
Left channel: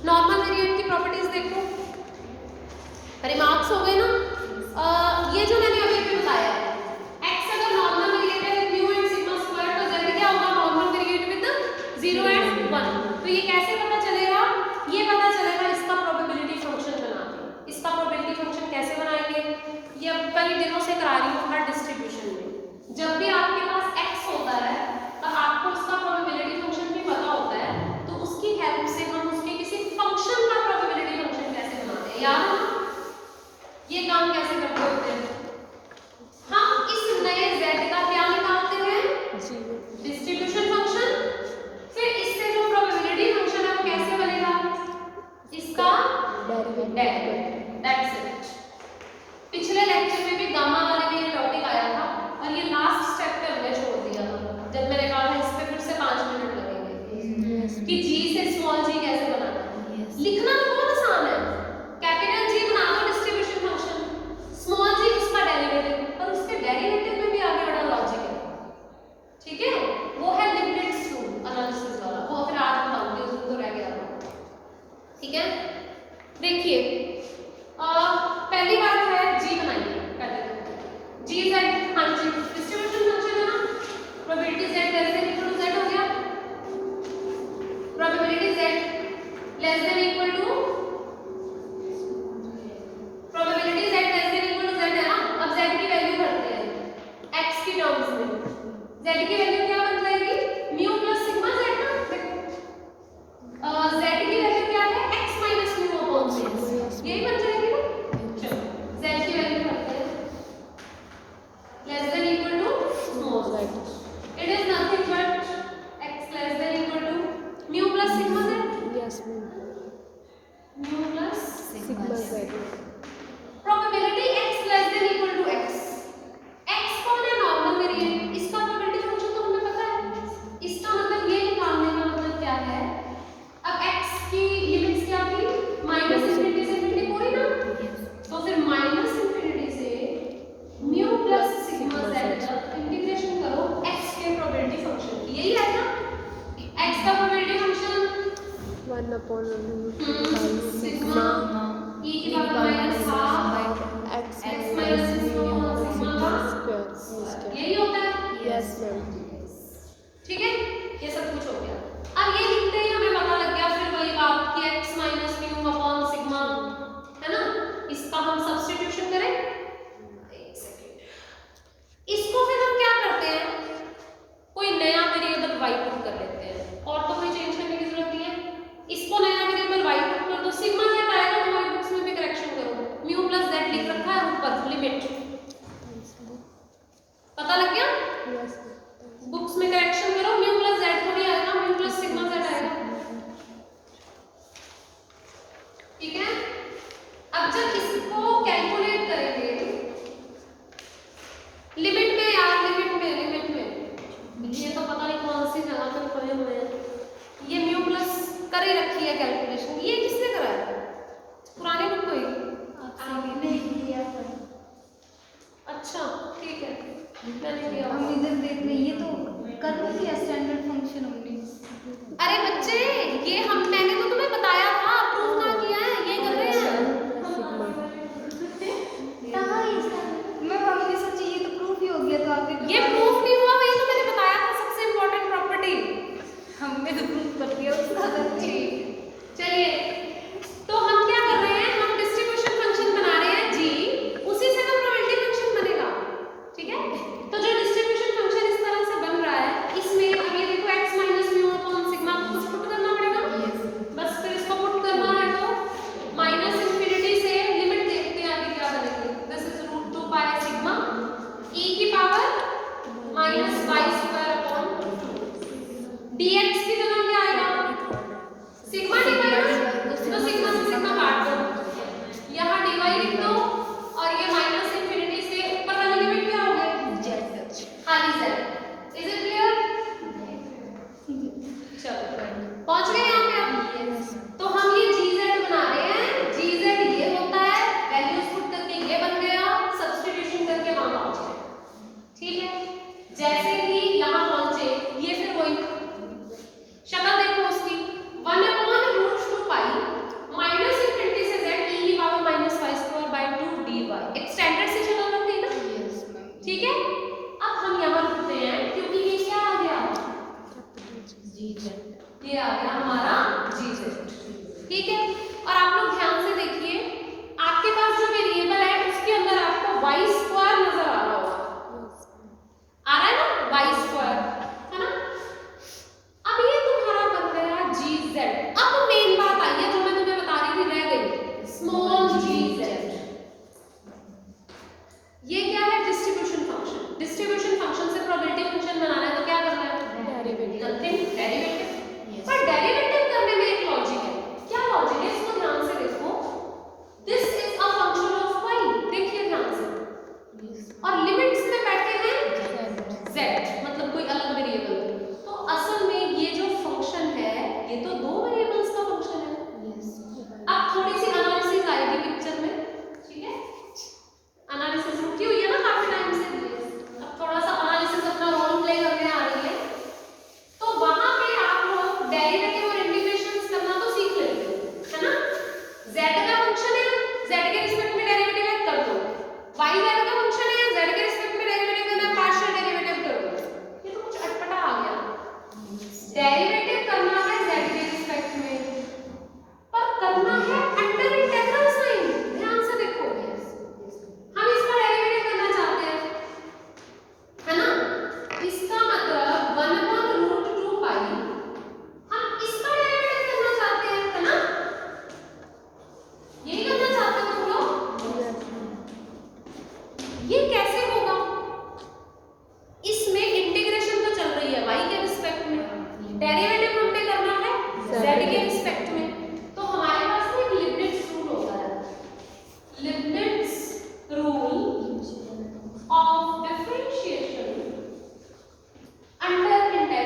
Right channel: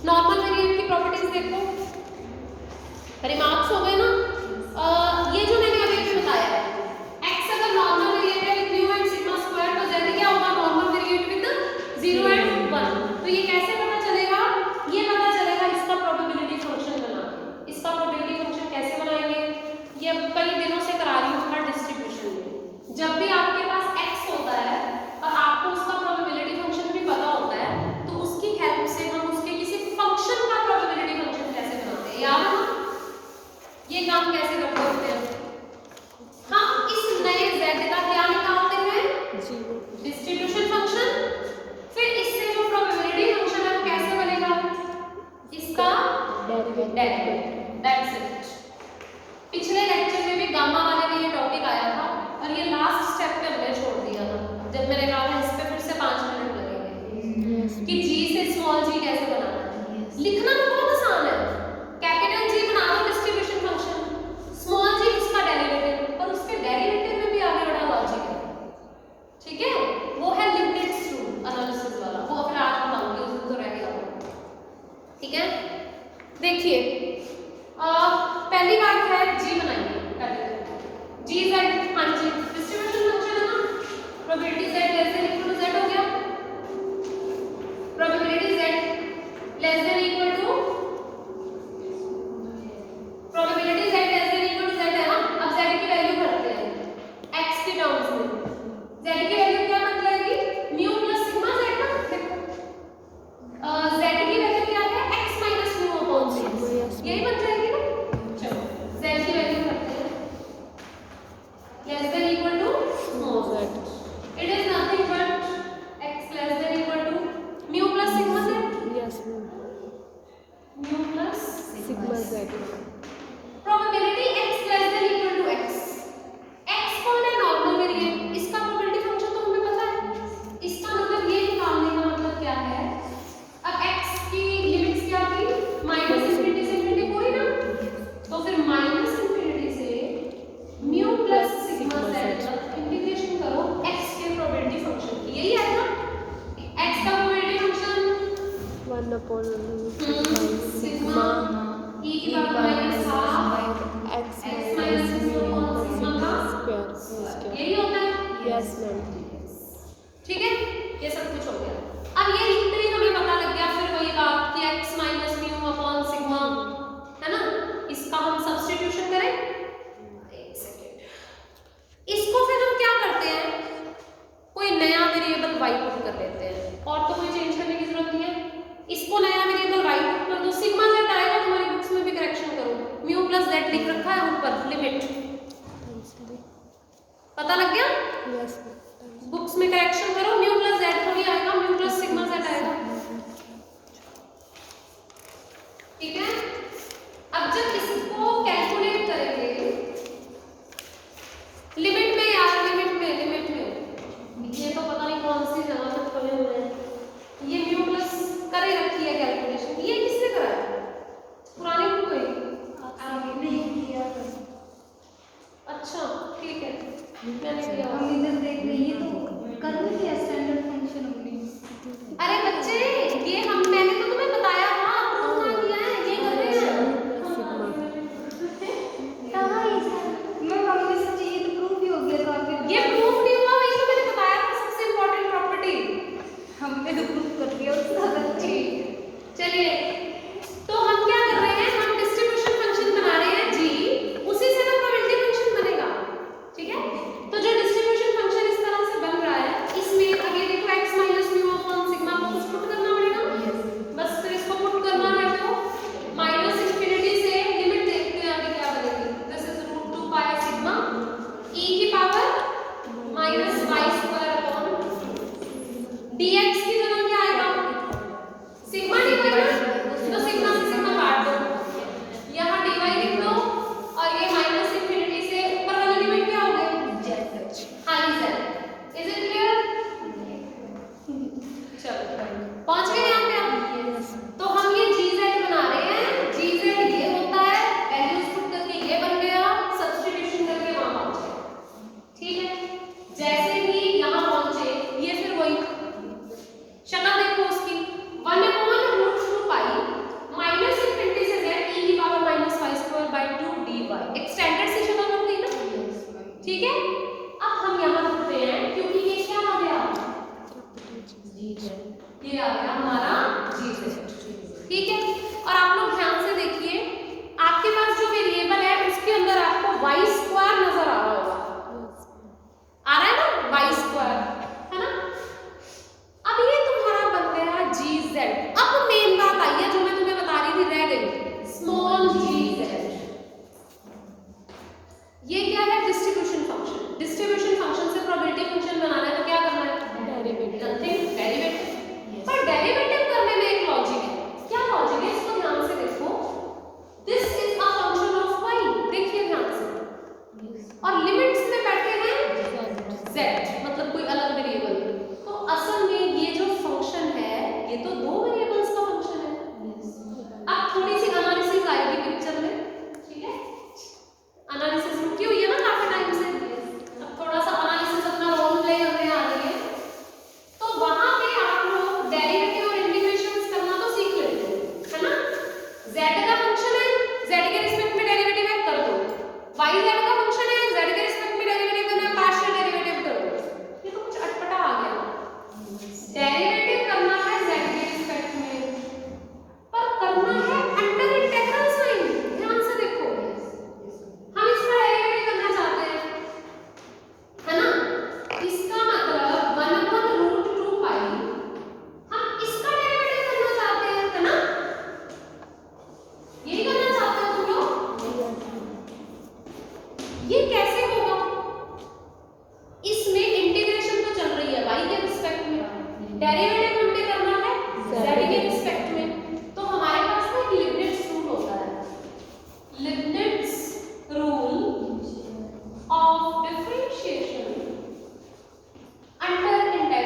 नॉर्मल वेरिएट की प्रॉपर्टीज देखो। रिमार्क्स हो गए ना? ये जो मैंने अभी भी बताया है, x अगर नॉर्मल वेरिएट है with mu and sigma square, तो z क्या होगा? Normal variate with 0 and 1। तो ये कैसे पता चलेगा? ये पता चलेगा इसका प्रोबेबिलिटी फंक्शन बना के। इसका प्रोबेबिलिटी फंक्शन कैसे बनाएंगे? ये कई दिनों से करा रही हूँ हर डिस्ट्रीब्यूशन में। जब भी आपके पास x होता है और आपको उसका प्रोबेबिलिटी फंक्शन भी पता होता है, तो उसकी हेल्प से हम उसके किसी फंक्शन का प्रोबेबिलिटी फंक्शन कैसे बनाते हैं, याद है ना? ये काम कैसे करते होते हैं? हम इस नए z का क्या निकालते हैं? Distribution function. फिर इससे जो प्रोबेबिलिटी फंक्शन है कैसे बनेगा? इसका डेरिवेटिव। That's it. पिछले लेक्चर में भी गामा वाले में ये टॉपिक आया था और ये लास्ट स्टेप पे हमने छोड़ दिया था, जब मैंने कहा इस पे फिर से 5 मिनट लगेंगे कि g से स्मॉल g कैसे बनाना है। लिखना तो बहुत आसान है, कैपिटल G बना दो डिस्ट्रीब्यूशन फंक्शन, स्मॉल g उसका डेरिवेटिव, और उसके डेरिवेटिव में भी आगे बड़ा लॉजिक है। ठीक है? वो है लिमिटेड टू एनालिसिस वाला, वो फिर आज बताऊंगी, उसमें तो रह गया। ठीक है? देखिए पहली बात है g बनाइए। g z, हाँ जी, डिस्ट्रीब्यूशन फंक्शन है ना, probability z less than equal to z हो गया, probability z less than equal to, probability z less than equal to z है ना। अब z की वैल्यू भरते हैं x के टर्म्स में। z की वैल्यू क्या बन जाएगी? म्यू प्लस सिग्मा z ना। देखो z की वैल्यू क्या है? x minus mu upon sigma, यही बन जाएगी ना। चलो z की वैल्यू भरते हैं less than equal to small z, it is nothing but x less than equal to mu plus sigma z। Yes mu plus sigma z। Probability x less than equal to x। x कौन है? Normal variate. upon root 2 pi sigma e की power minus half x x minus minus mu mu upon sigma का square यही होता है। yes ma'am ठीक है, ये सब कुछ हो गया। अब ये लिखते ही हमें पता लग गया फिर वही बात कि x minus mu upon sigma, है ना, इसका हम सब्स्टिट्यूशन करें। एक सेकेंड, इसको फिर हम क्या करते हैं, कोई नया वेरिएबल y पुट कर देते हैं, और तो कोई चेंज करने की जरूरत नहीं है। इसको नया वेरिएबल y पुट कर दो, सिग्मा z आएगा। हमारी बुक्स में भी करेक्शन करो, म्यू प्लस z लिख रखा है ऊपर लिमिट, पता लग गया। yes बुक्स में करेक्शन करो, म्यू प्लस z थोड़ी आएगा, म्यू प्लस सिग्मा z आएगा। ठीक है, अब जब इसको कैलकुलेट करेंगे लिमिट में यार, लिमिट में ये तो पता नहीं कौन सी जगह तक खोले हुए हैं। ये म्यू प्लस कर ही रखी है कैलकुलेशन, ये किसने करा है, पुरानी बुक में आपने किया था। अच्छा ठीक है, मैंने किया। हम इधर देख रहे ये तो कर लिया स्टैंडर्ड फंक्शन हमने। अरे बच्चे, ये मैंने तो तुम्हें बताया था, प्रूफ ना किया है, ये कर रहे हैं। sigma कहाँ है इसका? मैं हमने सोची ये तो प्रूफ ही हो गया था आपने। ये प्रूफ नहीं हुआ, वही तो मैंने बताया था सबसे इम्पोर्टेंट प्रॉपर्टी। हमने तो प्रूफ कर दिया उसका। जी चलिए, तो हम क्या कर रहे हैं, हम डिस्ट्रीब्यूशन फंक्शन बना रहे हैं जी, उसी से तो प्रोबेबिलिटी फंक्शन बनेगा। ठीक है, तो जो डिस्ट्रीब्यूशन फंक्शन इस तरह से बन रहा है, इसमें अब ये देखो x minus mu upon sigma को कुछ पुट करना पड़ेगा। बस फिर इसको पुट करना है तो माइनस इंफिनिटी से लिमिट देखते हैं आगे क्या बनेगी। This is root 2 pi sigma e की power minus y square upon dx की जगह क्या आएगा, सिग्मा dy ना, तो सिग्मा से सिग्मा काट दो, यहाँ dy लिख दो, और ये माइनस इंफिनिटी से ऊपर वाली लिमिट क्या हो गई, खाली z। Is it clear? चलो पहुंच गए यहाँ पे आप। तो हम ये gz बना रहे हैं, gz ये होता है, वैल्यूज पुट करके ये बन गया, सब्स्टिट्यूशन करके वहां पहुंचे। ठीक है, जैसे ही यहाँ पहुंचे ये फिर वही शक्ल देखो उसकी, 1/√2 पाई माइनस इंफिनिटी से z e की power minus y square by 2 dy, एक स्टैंडर्ड सी शक्ल बन गई ना। ठीक है, अब हम यहाँ रुकते हैं क्योंकि ये क्या आ गया, ये आ गया हमारा gz। ठीक है, और आप लोग ध्यान से देखिए, आपके पास जो वेरिएबल है उसके अंदर आपको y स्क्वायर नजर आ रहा होगा, आ रहा है ना, y स्क्वायर, है ना। अब ये तुम्हारा बन गया gz। अब मेन बात आई है जो मैं तुम्हें बता रही थी, रह गई स्मॉल gz। ये क्या है, डिस्ट्रीब्यूशन फंक्शन। डिस्ट्रीब्यूशन फंक्शन से प्रोबेबिलिटी फंक्शन बनाना है तो क्या करना है, डेरिवेटिव डेरिवेटिव। पर डेरिवेटिव करने में एक लॉजिक है, क्या लॉजिक है, इसको ध्यान से देखो। This is a function of y, देखिए ध्यान से, और लिमिट्स में बैठे हैं z, मतलब कोई अलग वेरिएबल। तो असल में ये जो फंक्शन है ये तो दो वेरिएबल्स का फंक्शन है। अब थोड़ी सी एनालिसिस आएगी पिक्चर में। ठीक है, एनालिसिस रुकी हुई है ना काफी टाइम से, अब थोड़ा सा एनालिसिस अपना रोल प्ले करने आ रही है। तो वहां पे आप लोग डेरिवेटिव और इंटीग्रेशंस करना तो सीख लेते हो, है ना। z का फंक्शन है, z के रिस्पेक्ट में डेरिवेटिव है, कर दो। y z का फंक्शन है, z के रिस्पेक्ट में डेरिवेटिव करना है, पार्शियल डेरिवेटिव कर दो। ये तो कुछ अटपटा आ गया, डेरिवेटिव करना है z के रिस्पेक्ट में, पर करना है अंडर इंटीग्रल साइन। ध्यान से देखो, हम इसका डेरिवेटिव करना चाहते हैं, है ना। इसका मतलब 1/√2 पाई, हम इसका डेरिवेटिव करना चाहते हैं, है ना, यही करना चाहते हो तुम लोग। ये कैसे होगा, इसमें इंटीग्रेशन तो चल रही है y के रिस्पेक्ट में, डेरिवेटिव हमने करना है z के रिस्पेक्ट में। तो हमारे पास ना एक लिबनिट्ज रूल होता है, Leibniz rule of differentiation under integral.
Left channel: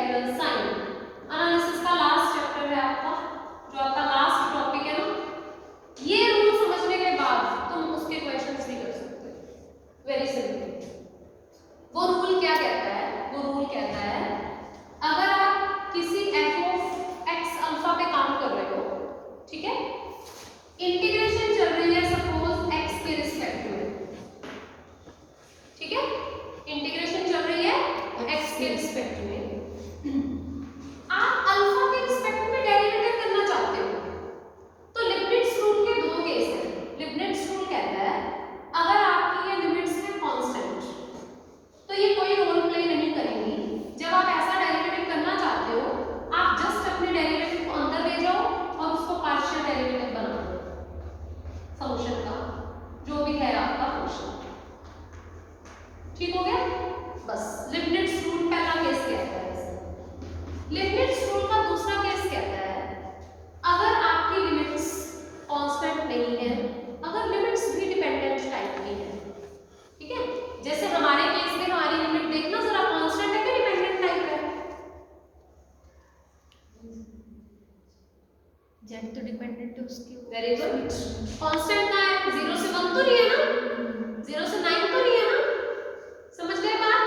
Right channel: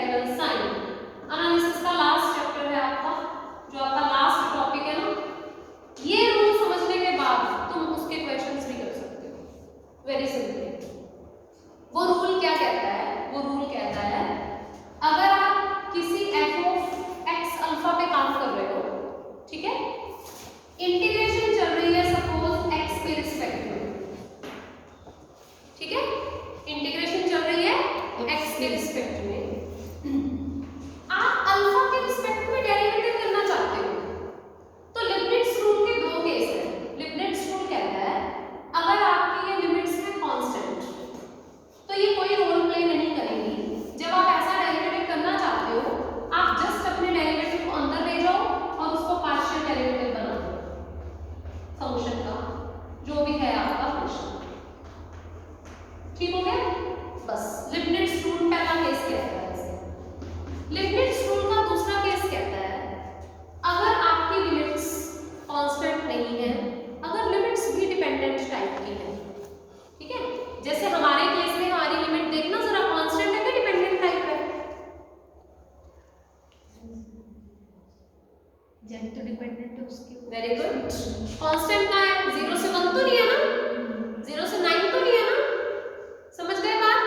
Very good. Constant का है 0 से 1 तो नहीं है ना, 0 से 9 तो नहीं है ना, समझ गए बात।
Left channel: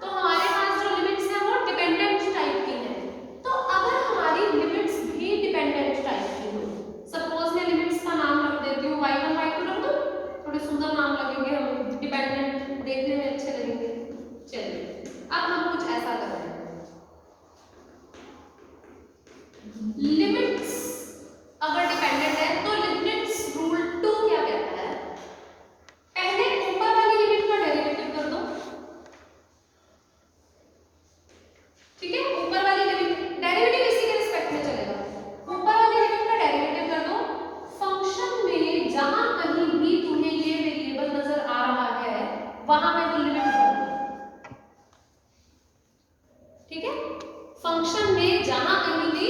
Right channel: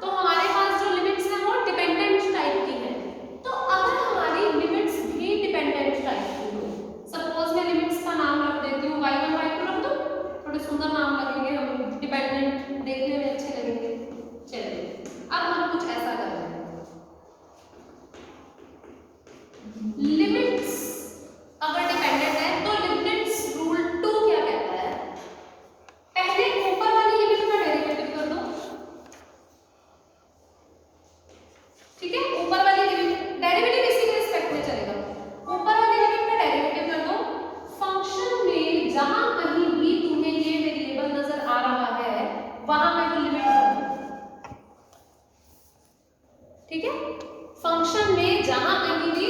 तो हमारे पास जो लिमिट्स है वो डिपेंडेंट टाइप की है। तो अगर हमारी लिमिट्स भी डिपेंडेंट टाइप की हो, सपोज मैं लिमिट्स का नाम रख देती हूँ y1 y2 रख दो, थोड़े सुंदर नाम लगेंगे, हमें डिपेंडेंट देखने में अच्छे लगेंगे। चलिए अब हम कुछ ऐसा कर रहे हैं, लिमिट्स अगर डिपेंडेंट है तो लिमिट्स रूल 2 क्या कहता है, पहले ऊपर वाली लिमिट का डेरिवेटिव कर दो, ठीक है। ऊपर वाली लिमिट डेरिवेटिव इसी के रिस्पेक्ट में चलेगा, ऊपर वाली लिमिट का डेरिवेटिव कर दो, फंक्शन में जहां कहीं भी तुम्हें ये वेरिएबल नजर आ रहा है वहां पे वो लिमिट कर दो, ठीक है। फंक्शन में जहां कहीं भी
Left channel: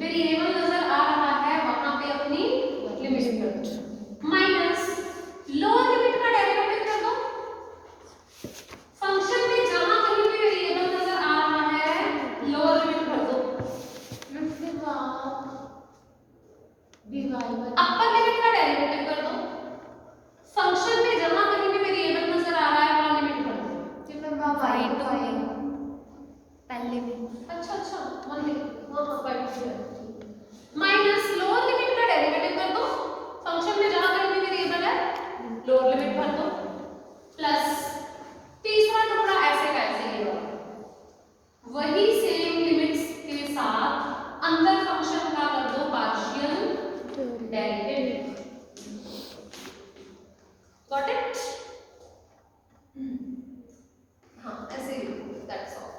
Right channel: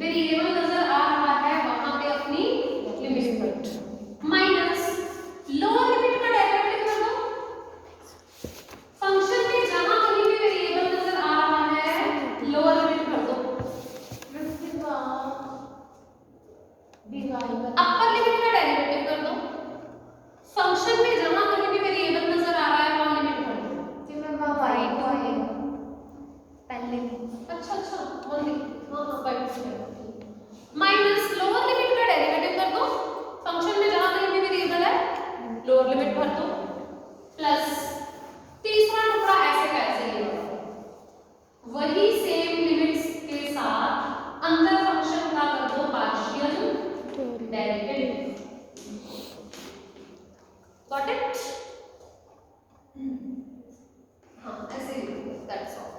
वेरिएबल नजर आ रहा है वहां पे अपनी लिमिट कर दो, माइनस लोअर लिमिट का डेरिवेटिव कर दो, फंक्शन में जहां कहीं भी वेरिएबल नजर आ रहा है लोअर लिमिट कर दो, अपर लिमिट का डेरिवेटिव कर दो, फंक्शन में जहां कहीं भी वेरिएबल नजर आ रहा है वहां लिमिट कर दो। अच्छा अच्छा माइनस लोअर लिमिट का डेरिवेटिव कर दो, फंक्शन में जहां कहीं भी वेरिएबल है लोअर लिमिट भर दो, प्लस तीसरा टुकड़ा ऐसे का ऐसे ही होगा, वही सेम लिमिट्स के साथ अंदर फंक्शन का कर दो पार्शियल डेरिवेटिव। Got it? हाँ ऐसे ही, दैट्स ऑल।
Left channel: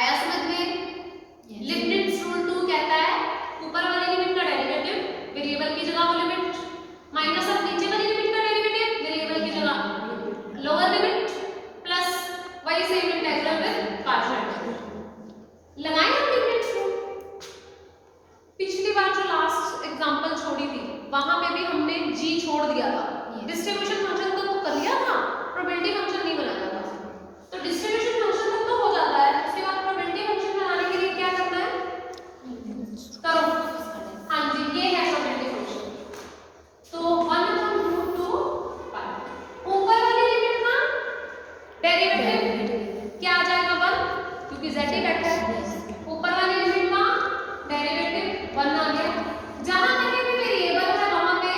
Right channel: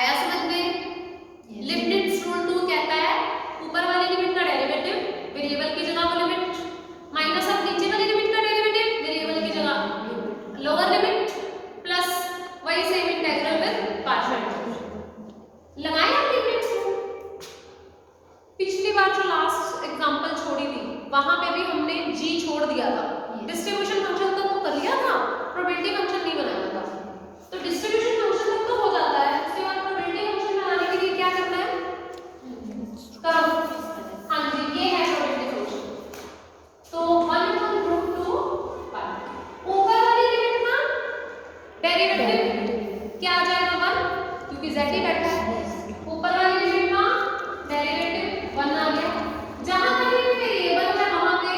आया समझ में? लिमिट्स रूल 2 कहता है ऊपर वाली लिमिट का डेरिवेटिव वेरिएबल की जगह वो लिमिट, माइनस अब नीचे वाली लिमिट का डेरिवेटिव वेरिएबल की जगह लोअर लिमिट, प्लस वही सेम इंटीग्रल विद पार्शियल। लगाए हम लिमिट्स रूल, पिछली बार जो लास्ट एग्जांपल छोड़ी थी वहां पे भी हमने g छोड़ दिया था, डिस्ट्रीब्यूशन फंक्शन तो कर लिया था, प्रोबेबिलिटी फंक्शन नहीं बनाया था। तो डिस्ट्रीब्यूशन फंक्शन तक तो हो जाता है, उसके बाद प्रोबेबिलिटी फंक्शन बनाने के लिए क्या करना है, करो। हाँ जी ये है प्रोबेबिलिटी फंक्शन। तो 1/√2 ऊपर वाली लिमिट का डेरिवेटिव क्या आ जाएगा 1, क्योंकि z ही बैठा है, ऊपर वाली लिमिट का डेरिवेटिव 1 आ गया, जहां कहीं भी वेरिएबल है वहां पे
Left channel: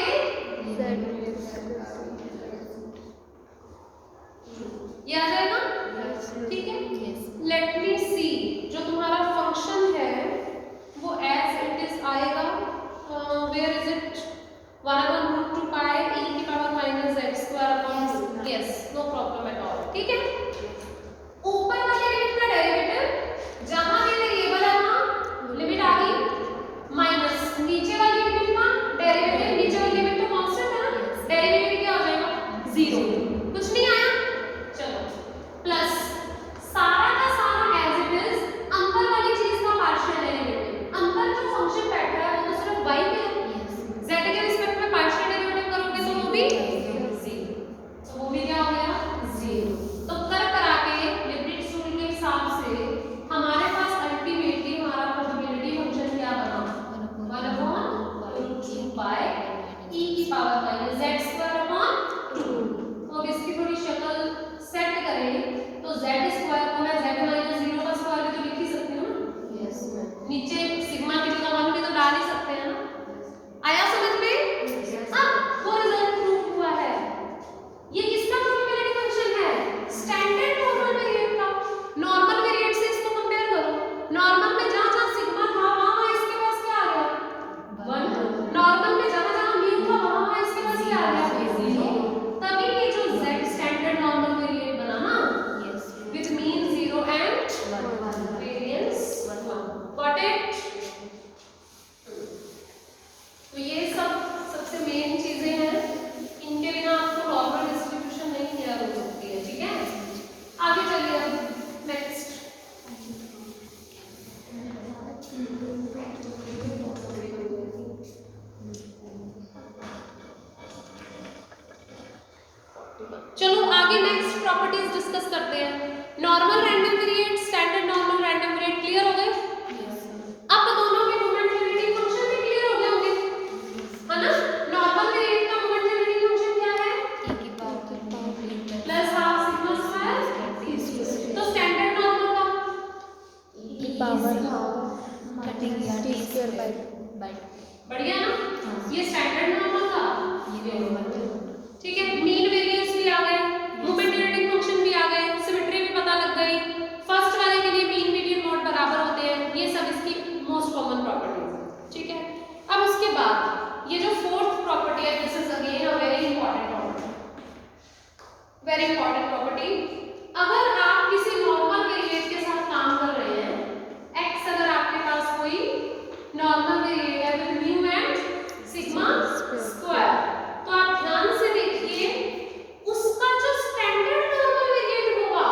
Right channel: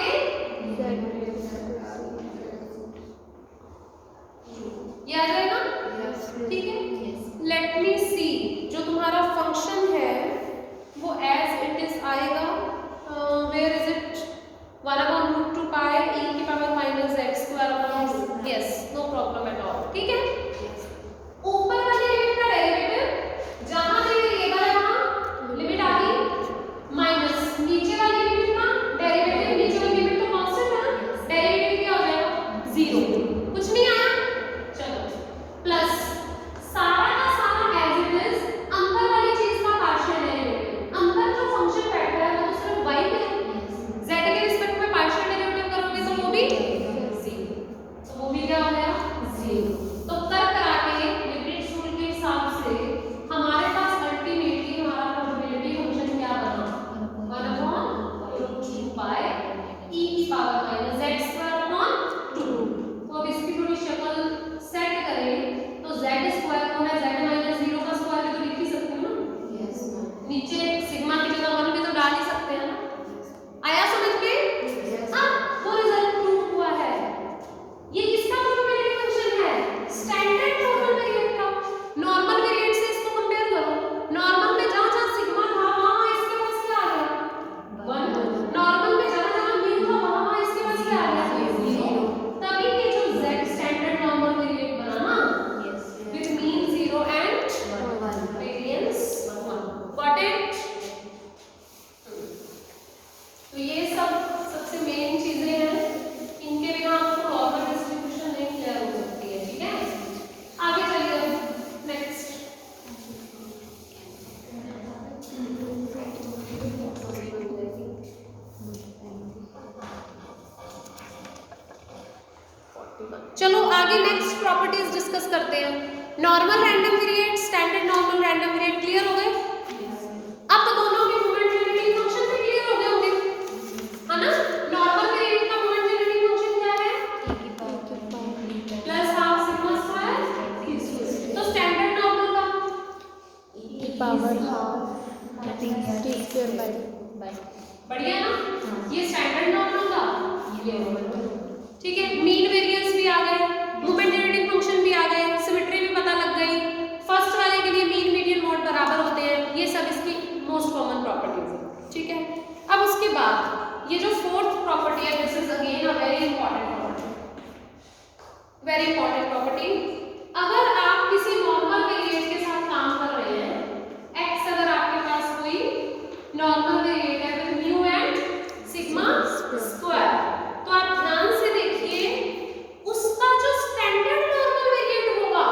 ये आ जाएगा, ठीक है। लेट मी सी, जो तुम्हारा फंक्शन है वो एज इट इज आएगा, where is it, 1/√2 pi e की power minus z², yes no problem at all, ठीक है। ऊपर वाली लिमिट का डेरिवेटिव जहां भी वेरिएबल है वहां लिमिट आ गई, माइनस नीचे वाली लिमिट का डेरिवेटिव, नीचे वाली लिमिट तो कांस्टेंट है ना, डेरिवेटिव क्या हो जाएगा 0, कुछ नहीं आया, चलो, प्लस सारा का सारा एज इट इज अंदर वाली चीज का पार्शियल डेरिवेटिव, अंदर जो फंक्शन बैठा है वो तो सिर्फ y के z के रिस्पेक्ट में पार्शियल डेरिवेटिव करोगे तो वो भी 0, तो वो भी क्या हो गया 0। तो कर करा के लिमिट्स रूल के हिसाब से हमारे पास अल्टीमेटली हमारा प्रोबेबिलिटी फंक्शन क्या बना, 1/√2 पाई e की पावर माइनस z²/2। तो अब इसकी थोड़ी शक्ल सेट करें तो z² को मैं z-0 का स्क्वायर भी तो लिख ही सकती हूँ ना, यस नीचे सिग्मा की जगह 1 भी तो डाल ही सकते हैं ना, आया समझ में? अब वो रिजल्ट प्रूव हुआ है, ये किसका प्रोबेबिलिटी फंक्शन है, स्टैंडर्ड नॉर्मल वेरिएट का। नॉर्मल वेरिएट से इसको कंपेयर करो, नॉर्मल में जहां जहां सिग्मा था वहां इसके पास क्या आ गया 1, नॉर्मल में जहां जहां मीन था वहां इसके पास क्या आ गया 0, तभी ये जो z स्टैंडर्ड नॉर्मल वेरिएट बना ना, with mean 0 and variance 1। Got it? तो ये सबसे मेन चीजें हैं, इनके बिना आपको नॉर्मल डिस्ट्रीब्यूशन नहीं किया हो सकती है, ठीक है। आगे चलिए अब नेक्स्ट, चलो आगे नेक्स्ट प्रॉपर्टीज डिस्कस करते हैं। Normal random variate, standard normal random variate clear हो गए? अब तो दोनों के प्रोबेबिलिटी फंक्शन भी क्लियर हो गए होंगे, power half T square by बढ़िया ना? ये स्टैंडर्ड नॉर्मल था, ये नॉर्मल। ठीक है, मीन वेरिएंस भी आ गए, मोमेंट डिटेक्टिंग फंक्शन भी आ गए, सिमेट्री भी पता लग गई। फर्स्ट वाले के लिए मीन मीडियन मोड बराबर होते हैं, ये सब इसकी मोस्ट कॉमन प्रॉपर्टीज है। ठीक है, अब उसके बाद ये जो फोर्थ प्रॉपर्टी है, this is again a very important property, very important property. अगर आप किसी नॉर्मल वेरिएट के साथ काम कर रहे हैं, x अगर आपके पास कोई नॉर्मल वेरिएट है with mu and sigma square, तो आप ध्यान से देखिए उसका जो स्टैंडर्ड नॉर्मल वेरिएट होगा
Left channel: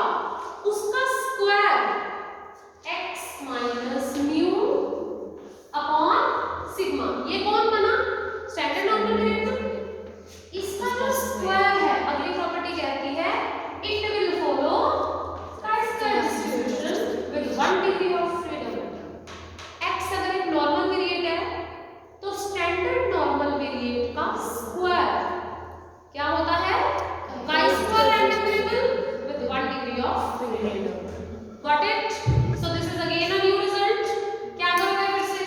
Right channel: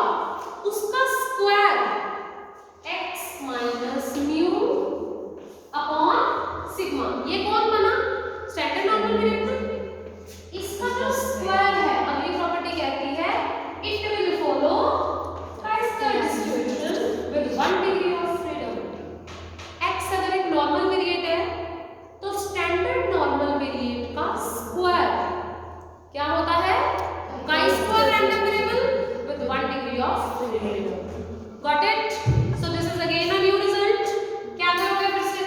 उसका square x minus mu upon sigma, ये कौन बना? Standard normal variate. इसका जो स्क्वायर है, अगली प्रॉपर्टी कहती है it will follow chi-square distribution with 1 degree of freedom. x अगर एक नॉर्मल वेरिएट है तो स्टैंडर्ड नॉर्मल वेरिएट का स्क्वायर क्या होता है? chi-square random variable with 1 degree of freedom. Got it? So this is again a new result. क्या करोगे फिर से?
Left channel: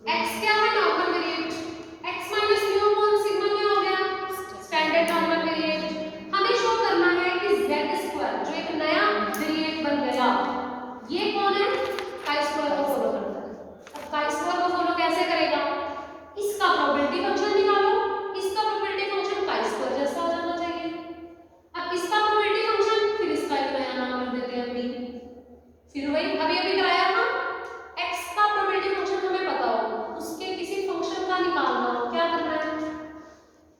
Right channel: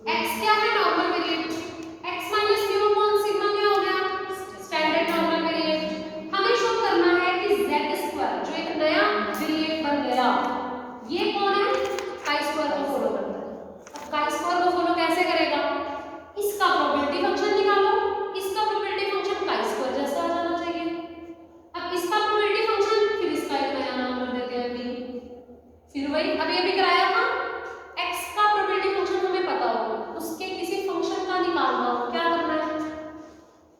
x क्या है? Normal variate. x minus mu upon sigma क्या हो गया? Standard normal variate. हमें शो करना है कि z स्क्वायर जो एक नया वेरिएट बन गया, ये कौन है? chi-square को फॉलो करता है। अब chi-square को फॉलो कैसे करेगा? इसका प्रोबेबिलिटी फंक्शन निकालो, इसका प्रोबेबिलिटी फंक्शन chi-square जैसा बनाना चाहिए। अब इसका प्रोबेबिलिटी फंक्शन, फिर इसका एक नया नाम रख देते हैं अभी, फिर वही अभी कराया था। x का प्रोबेबिलिटी फंक्शन हमें पता हो, उसके किसी फंक्शन का निकालना हो, क्या करना है?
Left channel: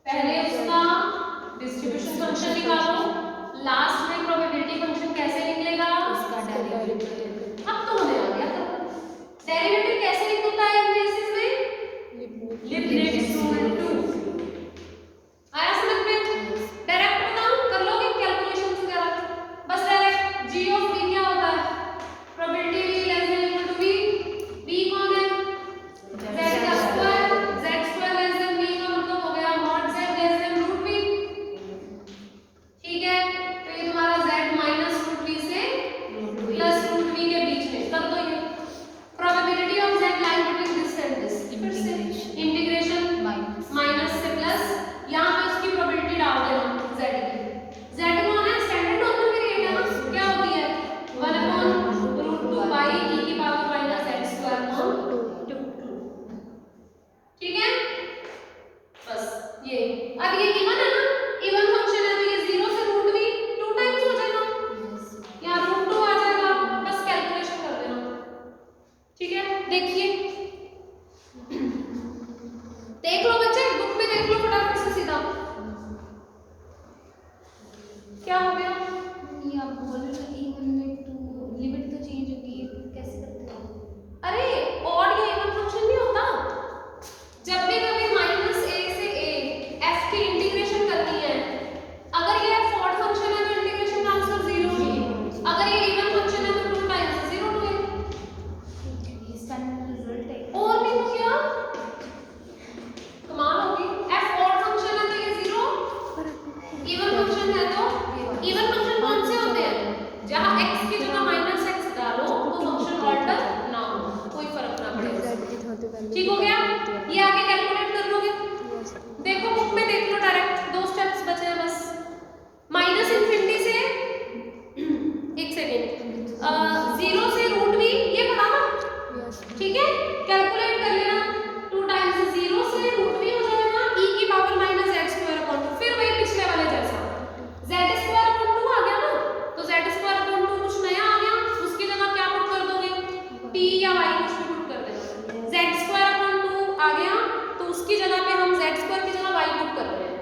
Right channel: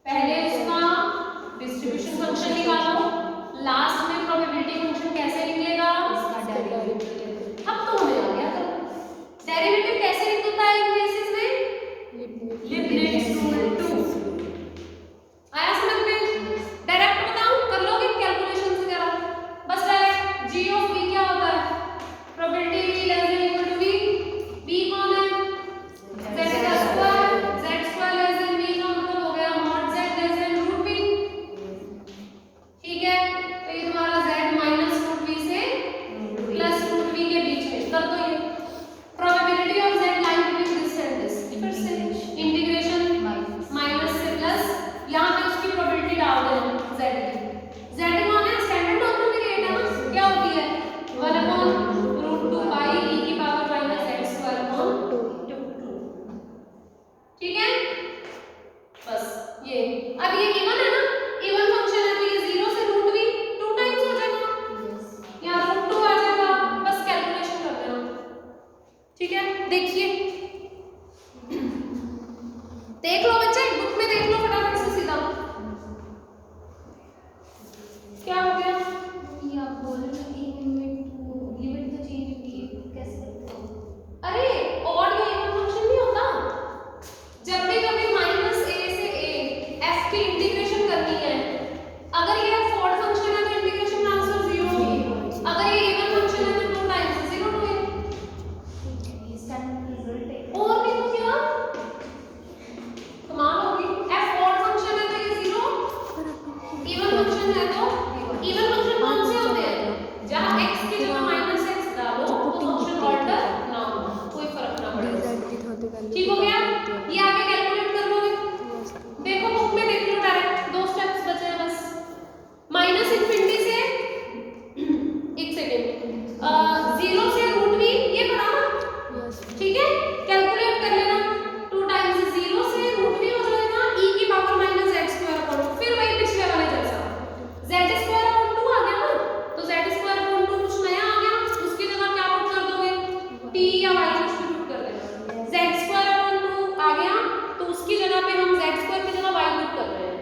पहले उसका डिस्ट्रीब्यूशन फंक्शन निकालो, लास्ट में प्रोबेबिलिटी फंक्शन कैसे निकलेगा? अब तो हमें आ गया। डेरिवेटिव कैसे निकलता है इन केसेस में? लिमिट रूल 2 आया समझ में? डायरेक्ट बताऊं, कर लोगे कैलकुलेशन वगैरह? बस डायरेक्ट g ऑफ v क्या होता है? Probability v less than equal to v, v कौन है? z का square, z square less than v का मतलब हो गया mod z लेस देन रूट v। ठीक है, तो ये तुम्हारा z माइनस रूट v से प्लस रूट v के बीच में कर दो। ये probability of z lying between this and this, फिर से इंटीग्रेशन माइनस से प्लस, यहां पे उसकी प्रोबेबिलिटी डाल देना z की। z कौन है? स्टैंडर्ड नॉर्मल वेरिएट है ना, क्या होती है? 1 अपॉन रूट 2 बाई e की power minus x square upon 2। ठीक है, बस ये अब ये इवन है ना, इवन फंक्शन है तो ये 0 से रूट v 2 टाइम्स हो जाएगा, यहाँ रूट 2 आ जाएगा, बस कैलकुलेशन कर देना। ठीक है, देखिए देख लो बच्चे, बुक में देख लो फटाफट से सीधा क्या हो गया। ये आप बोल रहे थे कि लिमिट तो चेंज होगी, कैसे करते हैं? अरे और ये इवन फंक्शन नहीं होता, जब भी कभी माइनस a से a f की इंटीग्रेशन करनी है, अगर ये f ऑड फंक्शन है तो इंटीग्रेशन ट्रांसफर 0 होगी, अगर ये इवन फंक्शन है तो 2 टाइम्स 0 टू a। ये स्टैंडर्ड रिजल्ट है। और भी तो क्या कमाल होगी, f ऑड फंक्शन है तो ये 0, इवन फंक्शन है तो इवन फंक्शन कौन से होते हैं? जहां x की जगह माइनस x डालो तो फंक्शन ऑर्डर ना हो, कोई फर्क ना पड़े। ठीक हो गया, ये आगे कैलकुलेट कर लोगे। देखो बुक में देख लो, डायरेक्ट 2 स्टेप्स बचे हैं बस। माइनस इंफिनिटी से एक सेकेंड 0 से रूट v, ये पता ना? ठीक है, कैलकुलेट कर लेना। 2 टाइम्स 0 से रूट v हो जाएगा e की power minus x square upon 2, फिर वही पिछले वाले जैसा z स्क्वायर अपॉन 2 आ गया ना, तो z स्क्वायर अपॉन 2 कुछ नया आ गया, उसकी जगह क्या पुट कर दोगे? t या y कुछ भी पुट कर देना। z स्क्वायर अपॉन 2 आ गया तो उसकी जगह पे हम z स्क्वायर की जगह y पुट कर रहे हैं।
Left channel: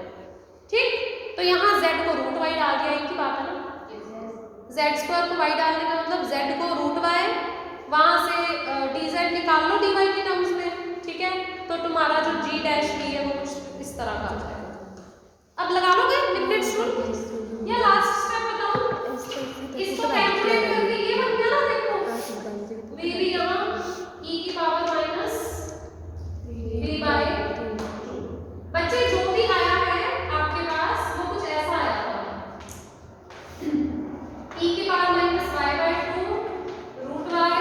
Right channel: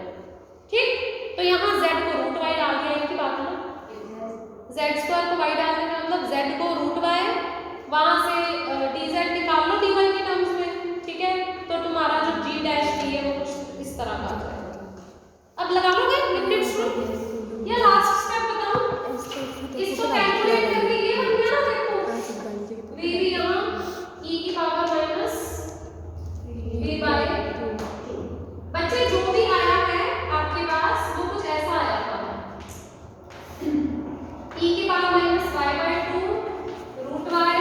ठीक, तो यहाँ z को रूट y डाल दिया, इनकी बात है ना, z स्क्वायर को y डालने का मतलब z को रूट y, वहां से dz निकाल लो dy के टर्म्स में। ठीक है, तो तुम्हारा जो g डैश d है वो कुछ इस तरह का आ जाएगा। अब लगा लोगे लिमिट्स को, या लास्ट स्टेप बताऊं? इसको कैलकुलेट करके ये बन गया ना, देखो v भी यहाँ e की पावर माइनस v बाय 2। बच्चे जो भी आया है आपके पास वो कुछ ऐसा आया था, e की power minus y by 2 root y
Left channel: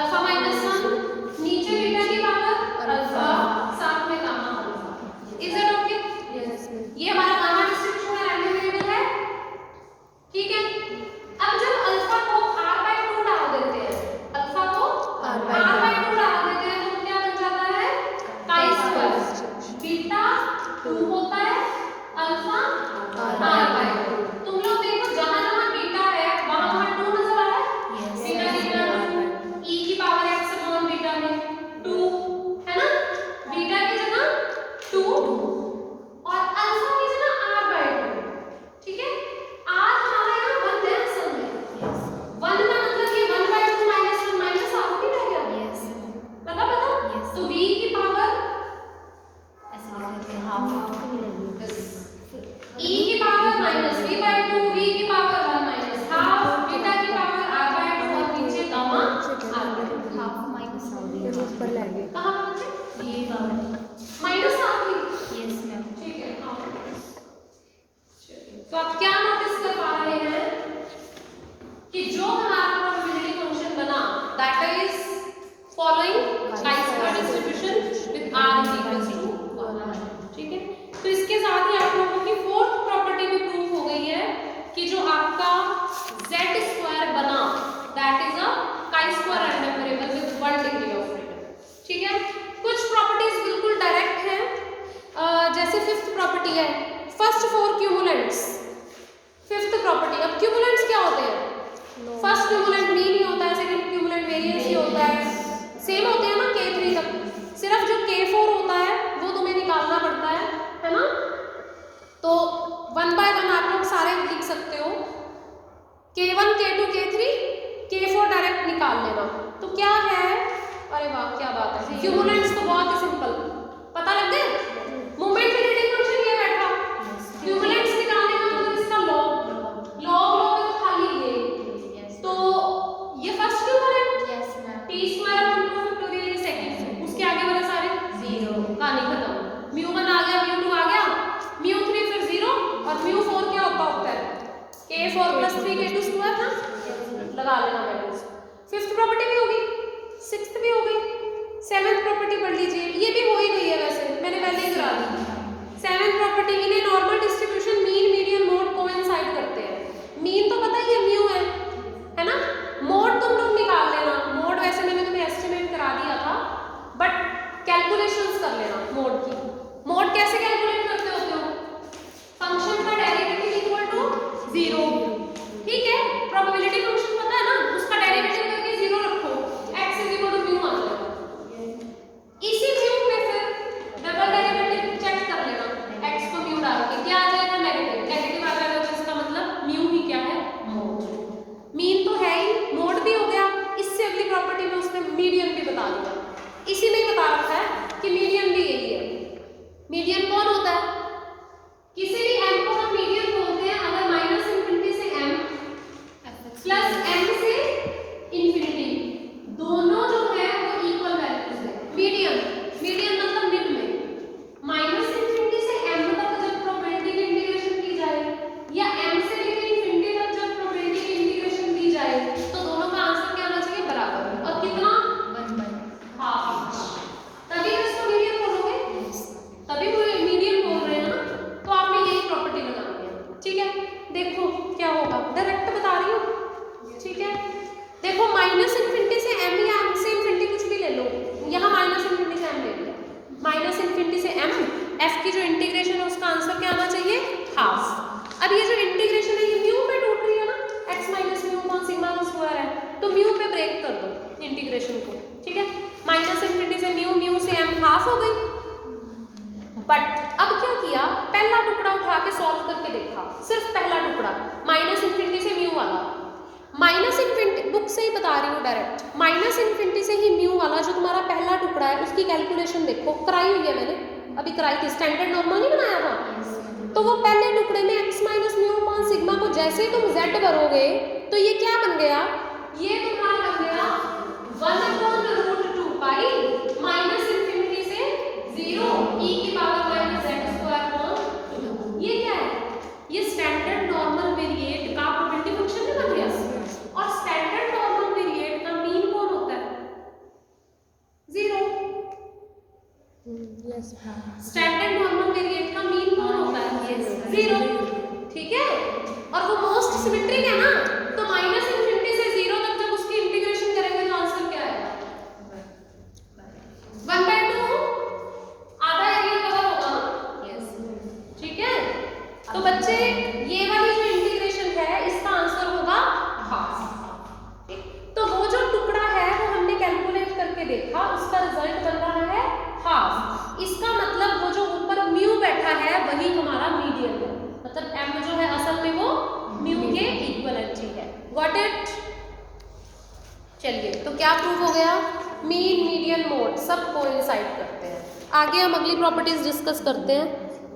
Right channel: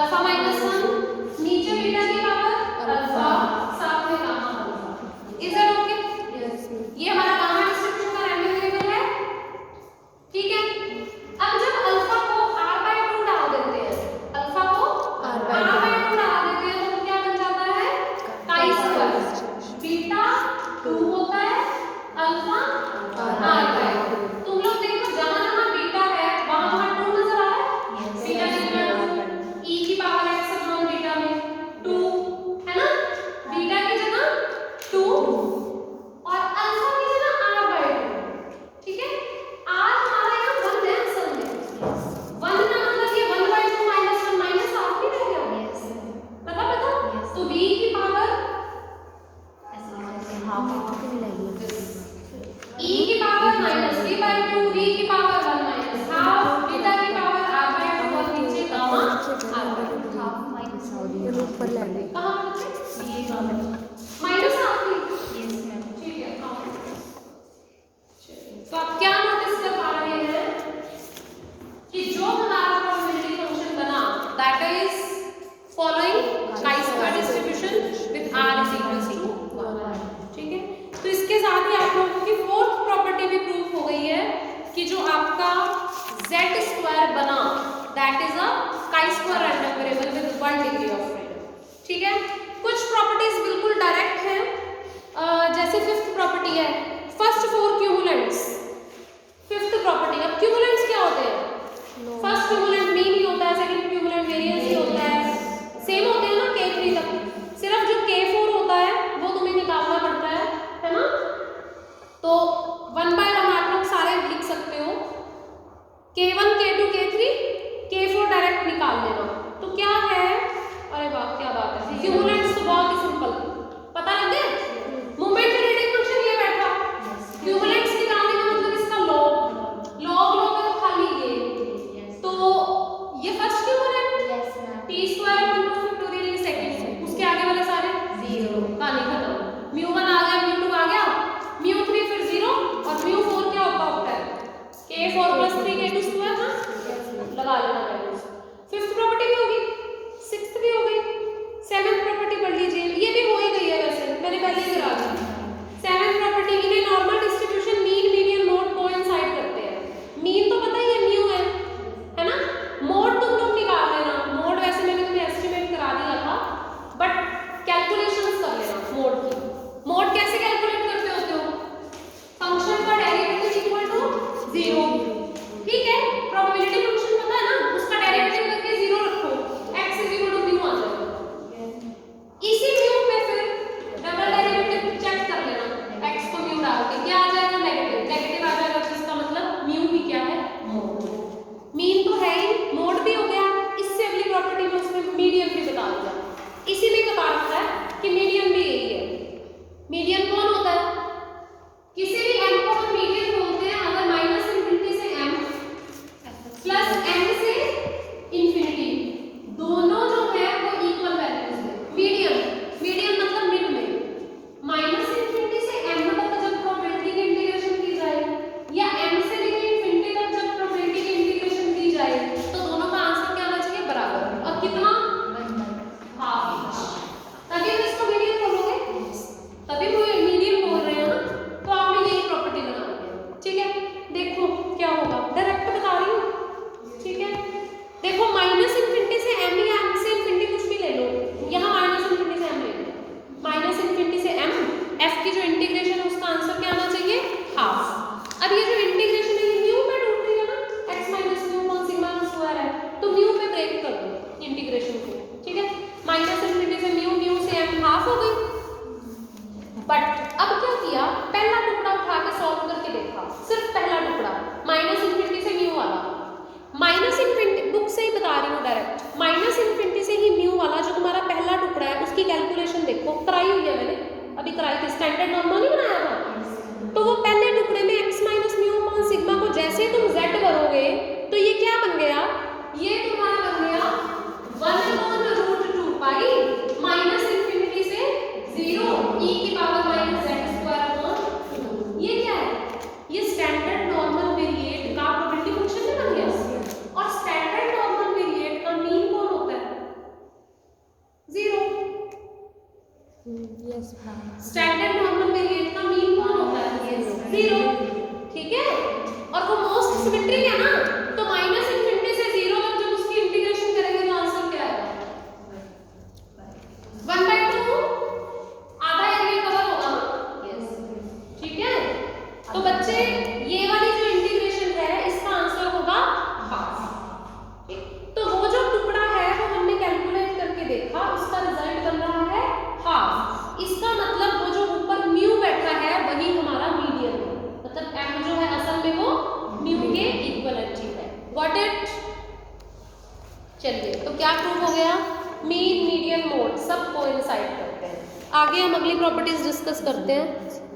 alpha minus 1 नीचे बीटा की पावर अल्फा साथ में gamma alpha. Is that okay? Yes ma'am. ये हमारा गामा डिस्ट्रीब्यूशन का रैंडम वेरिएबल है, ठीक है। अब जब अल्फा को r/2 डाल देते हैं, अल्फा को r/2 डाल देते हैं तो क्या बन जाता है? Chi square. बीटा 2 होता है, अल्फा r/2। तुम लोग देखो जहां जहां बीटा है वहां वहां 2 नजर आ रहा है। बीटा की जगह 2 e की पावर x अपॉन बीटा में 2 है ना, बीटा की जगह 2 और अल्फा की जगह r/2, ठीक है। r हमारा यहाँ 1 है असल में, 1 का मतलब ये 1/2 माइनस 1 माइनस r भी रह गया, पता तो v की पावर e की पावर माइनस v/2, v की पावर 1 माइनस हाफ, बीटा की पावर r/2 और नीचे गामा ये रूप पर लेंगे। कहां माइनस हाफ की, ठीक है। हाँ, तो आप क्या नोटिस कर पा रहे हैं कि जो हमारा प्रोबेबिलिटी फंक्शन बना that is following chi-square distribution with r is equals to 1, ठीक है। तो इसके साथ ही आप लोगों की फोर्थ प्रॉपर्टी भी प्रूव हो गई है कि जो आपका z² बना that is a chi-square random variable with 1 degree of freedom, ठीक है। कुछ प्रॉपर्टीज बिल्कुल डायरेक्ट है, जैसे फिफ्थ प्रॉपर्टी है फर्स्ट 4 क्यूमुलेंट्स। फिफ्थ प्रॉपर्टी, अब क्यूमुलेंट्स क्या होते हैं? फर्स्ट क्यूमुलेंट मीन ही होता है, सेकंड क्यूमुलेंट वेरिएंस ही होता है, सेम होते हैं ना k3 तक, सिर्फ जो k4 होता है वो तुम्हें निकालना पड़ता है ना। तो 1 by 1 आप लोग सारे लिख सकते हो, k1 k2 k3 k4 direct निकाल लेना। तो क्या है, अरे वाह क्या बात है, क्यूमुलेंट्स तो बहुत ही सिंपल, पता लग गया। मोमेंट रिलेटिव फंक्शन ये बैठा, क्यूमुलेंट्स निकालने का मतलब इसका लॉग में तो खाली ये, तो ये फर्स्ट क्यूमुलेंट t² अपॉन 2 फैक्टोरियल ये सेकंड, उसके आगे वाले सारे 0, कहानी खत्म। μ1 आ गया, μ2 आ गया, μ3 फिर 0 और μ4 क्या होता है k4 + 3 k2 स्क्वायर ना, लगा लेना वैल्यूज। फिफ्थ प्रॉपर्टी भी होगी, सिक्स्थ भी हो गई, सेवंथ प्रॉपर्टी पढ़ लीजिए, ये भी हो ही गई है वैसे, मैंने पहले ही करा दी। Seventh property in a normal distribution mean median mode coincide करते हैं। मीन तो पता ही है म्यू है ना, मोड तुम लोग निकाल लेना, मोड वैसे मैंने तुम्हें एस्टिमेट करा दिया था बट कैलकुलेशंस कर लेना मोड की। मोड कैसे कैलकुलेट करते होते हो? फंक्शन का डेरिवेटिव इक्वल टू 0, ठीक है। प्रोबेबिलिटी फंक्शन पता है ना, उसका डेरिवेटिव करके 0 रखो, x इक्वल टू म्यू आ जाएगा। इसी म्यू में फिर डबल डेरिवेटिव चेक कर लेना, x को म्यू डाल के क्या आ जाएगा, नेगेटिव आ जाएगा, जिसका मतलब म्यू ही क्या है, मोड। मीन तो है ही, मोड भी हो गया, इससे अगली प्रॉपर्टी में उसने मीडियन भी बता दिया। इसी में बता रखा है कि मीडियन भी यही है। मीडियन कौन होता है? किसी भी m को हम मीडियन बोलते हैं अगर -∞ से m प्लस m से इंफिनिटी दोनों जो है वो इक्वल वैल्यूज है। मीडियन मतलब मिड में, -∞ से m तक जब प्रोबेबिलिटी की इंटीग्रेशन की जाए या m से लेकर इंफिनिटी तक जब प्रोबेबिलिटी की इंटीग्रेशन की जाए तो दोनों का आंसर क्या आना चाहिए, बराबर। और कितना, हाफ, तभी तो इसको मीडियन बोलोगे, तभी वो मीडियन बोल रहे हैं ना। तो आपने यही प्रॉपर्टी लगानी है, ठीक है। देखो क्या होगा, डायरेक्ट बता रही हूँ, ठीक है। देखो -∞ से m या m से इंफिनिटी कुछ भी ले लो, यहाँ -∞ से m ले लो, -∞ से m, f की जो इंटीग्रेशन है उसका आंसर क्या आना चाहिए, हाफ। अब ये जो इंटीग्रेशन है ये म्यू में टूट रही है ना, x minus mu upon sigma square है, तो म्यू पे ब्रेक कर दो इंटीग्रेशन को, ठीक है। -∞ से म्यू से m हाफ हो गई। बट अब क्या किया, पहला टुकड़ा उठा के सॉल्व करके देखा, सिर्फ पहला टुकड़ा -∞ से म्यू वाला, -∞ बुक से ही बता रही हूँ डायरेक्ट, -∞ से ही म्यू वाला जो तुम्हारा पहला टुकड़ा है उसकी कैलकुलेशन देखो, कराई हुई है मैंने, अभी कराई थी, स्टैंडर्ड नॉर्मल नहीं बनाया था। तो वो पहले टुकड़े में x minus mu upon sigma को जैसे ही तुम z भरोगे तो ये क्या बन गया, ये तुम्हारा बन गया 1/√2 पाई -∞ से 0 e की पावर -z²। ये क्या है, ये स्टैंडर्ड नॉर्मल वेरिएट का प्रोबेबिलिटी फंक्शन नहीं बन गया। और स्टैंडर्ड नॉर्मल वेरिएट का मीन कौन होता है, और वो मोस्ट सिमेट्रिक है ना, तो माइनस इनफिनिटी से 0 तक जब उसकी इंटीग्रेशन करेंगे तो आंसर क्या आएगा? 1/2 आधा एरिया कवर होगा ना। यस, ठीक है। तो बच्चे ये वाली जो इंटीग्रेशन है इसका आंसर होगा हाफ। तो वो जो टुकड़ा है वो हमने कैलकुलेट करके देखा, उसका रिजल्ट बन रहा है हाफ। इसका मतलब वो जो ऊपर म्यू बैठा है वही हमारा मीडियन है, मतलब m जो है असल में वो म्यू के इक्विवेलेंट है। Got it? चलिए, तो क्या प्रूफ हो गया? मीन, मीडियन, मोड सब कोइंसाइड करते हैं। आगे हम अगली प्रॉपर्टीज डिस्कस करते हैं।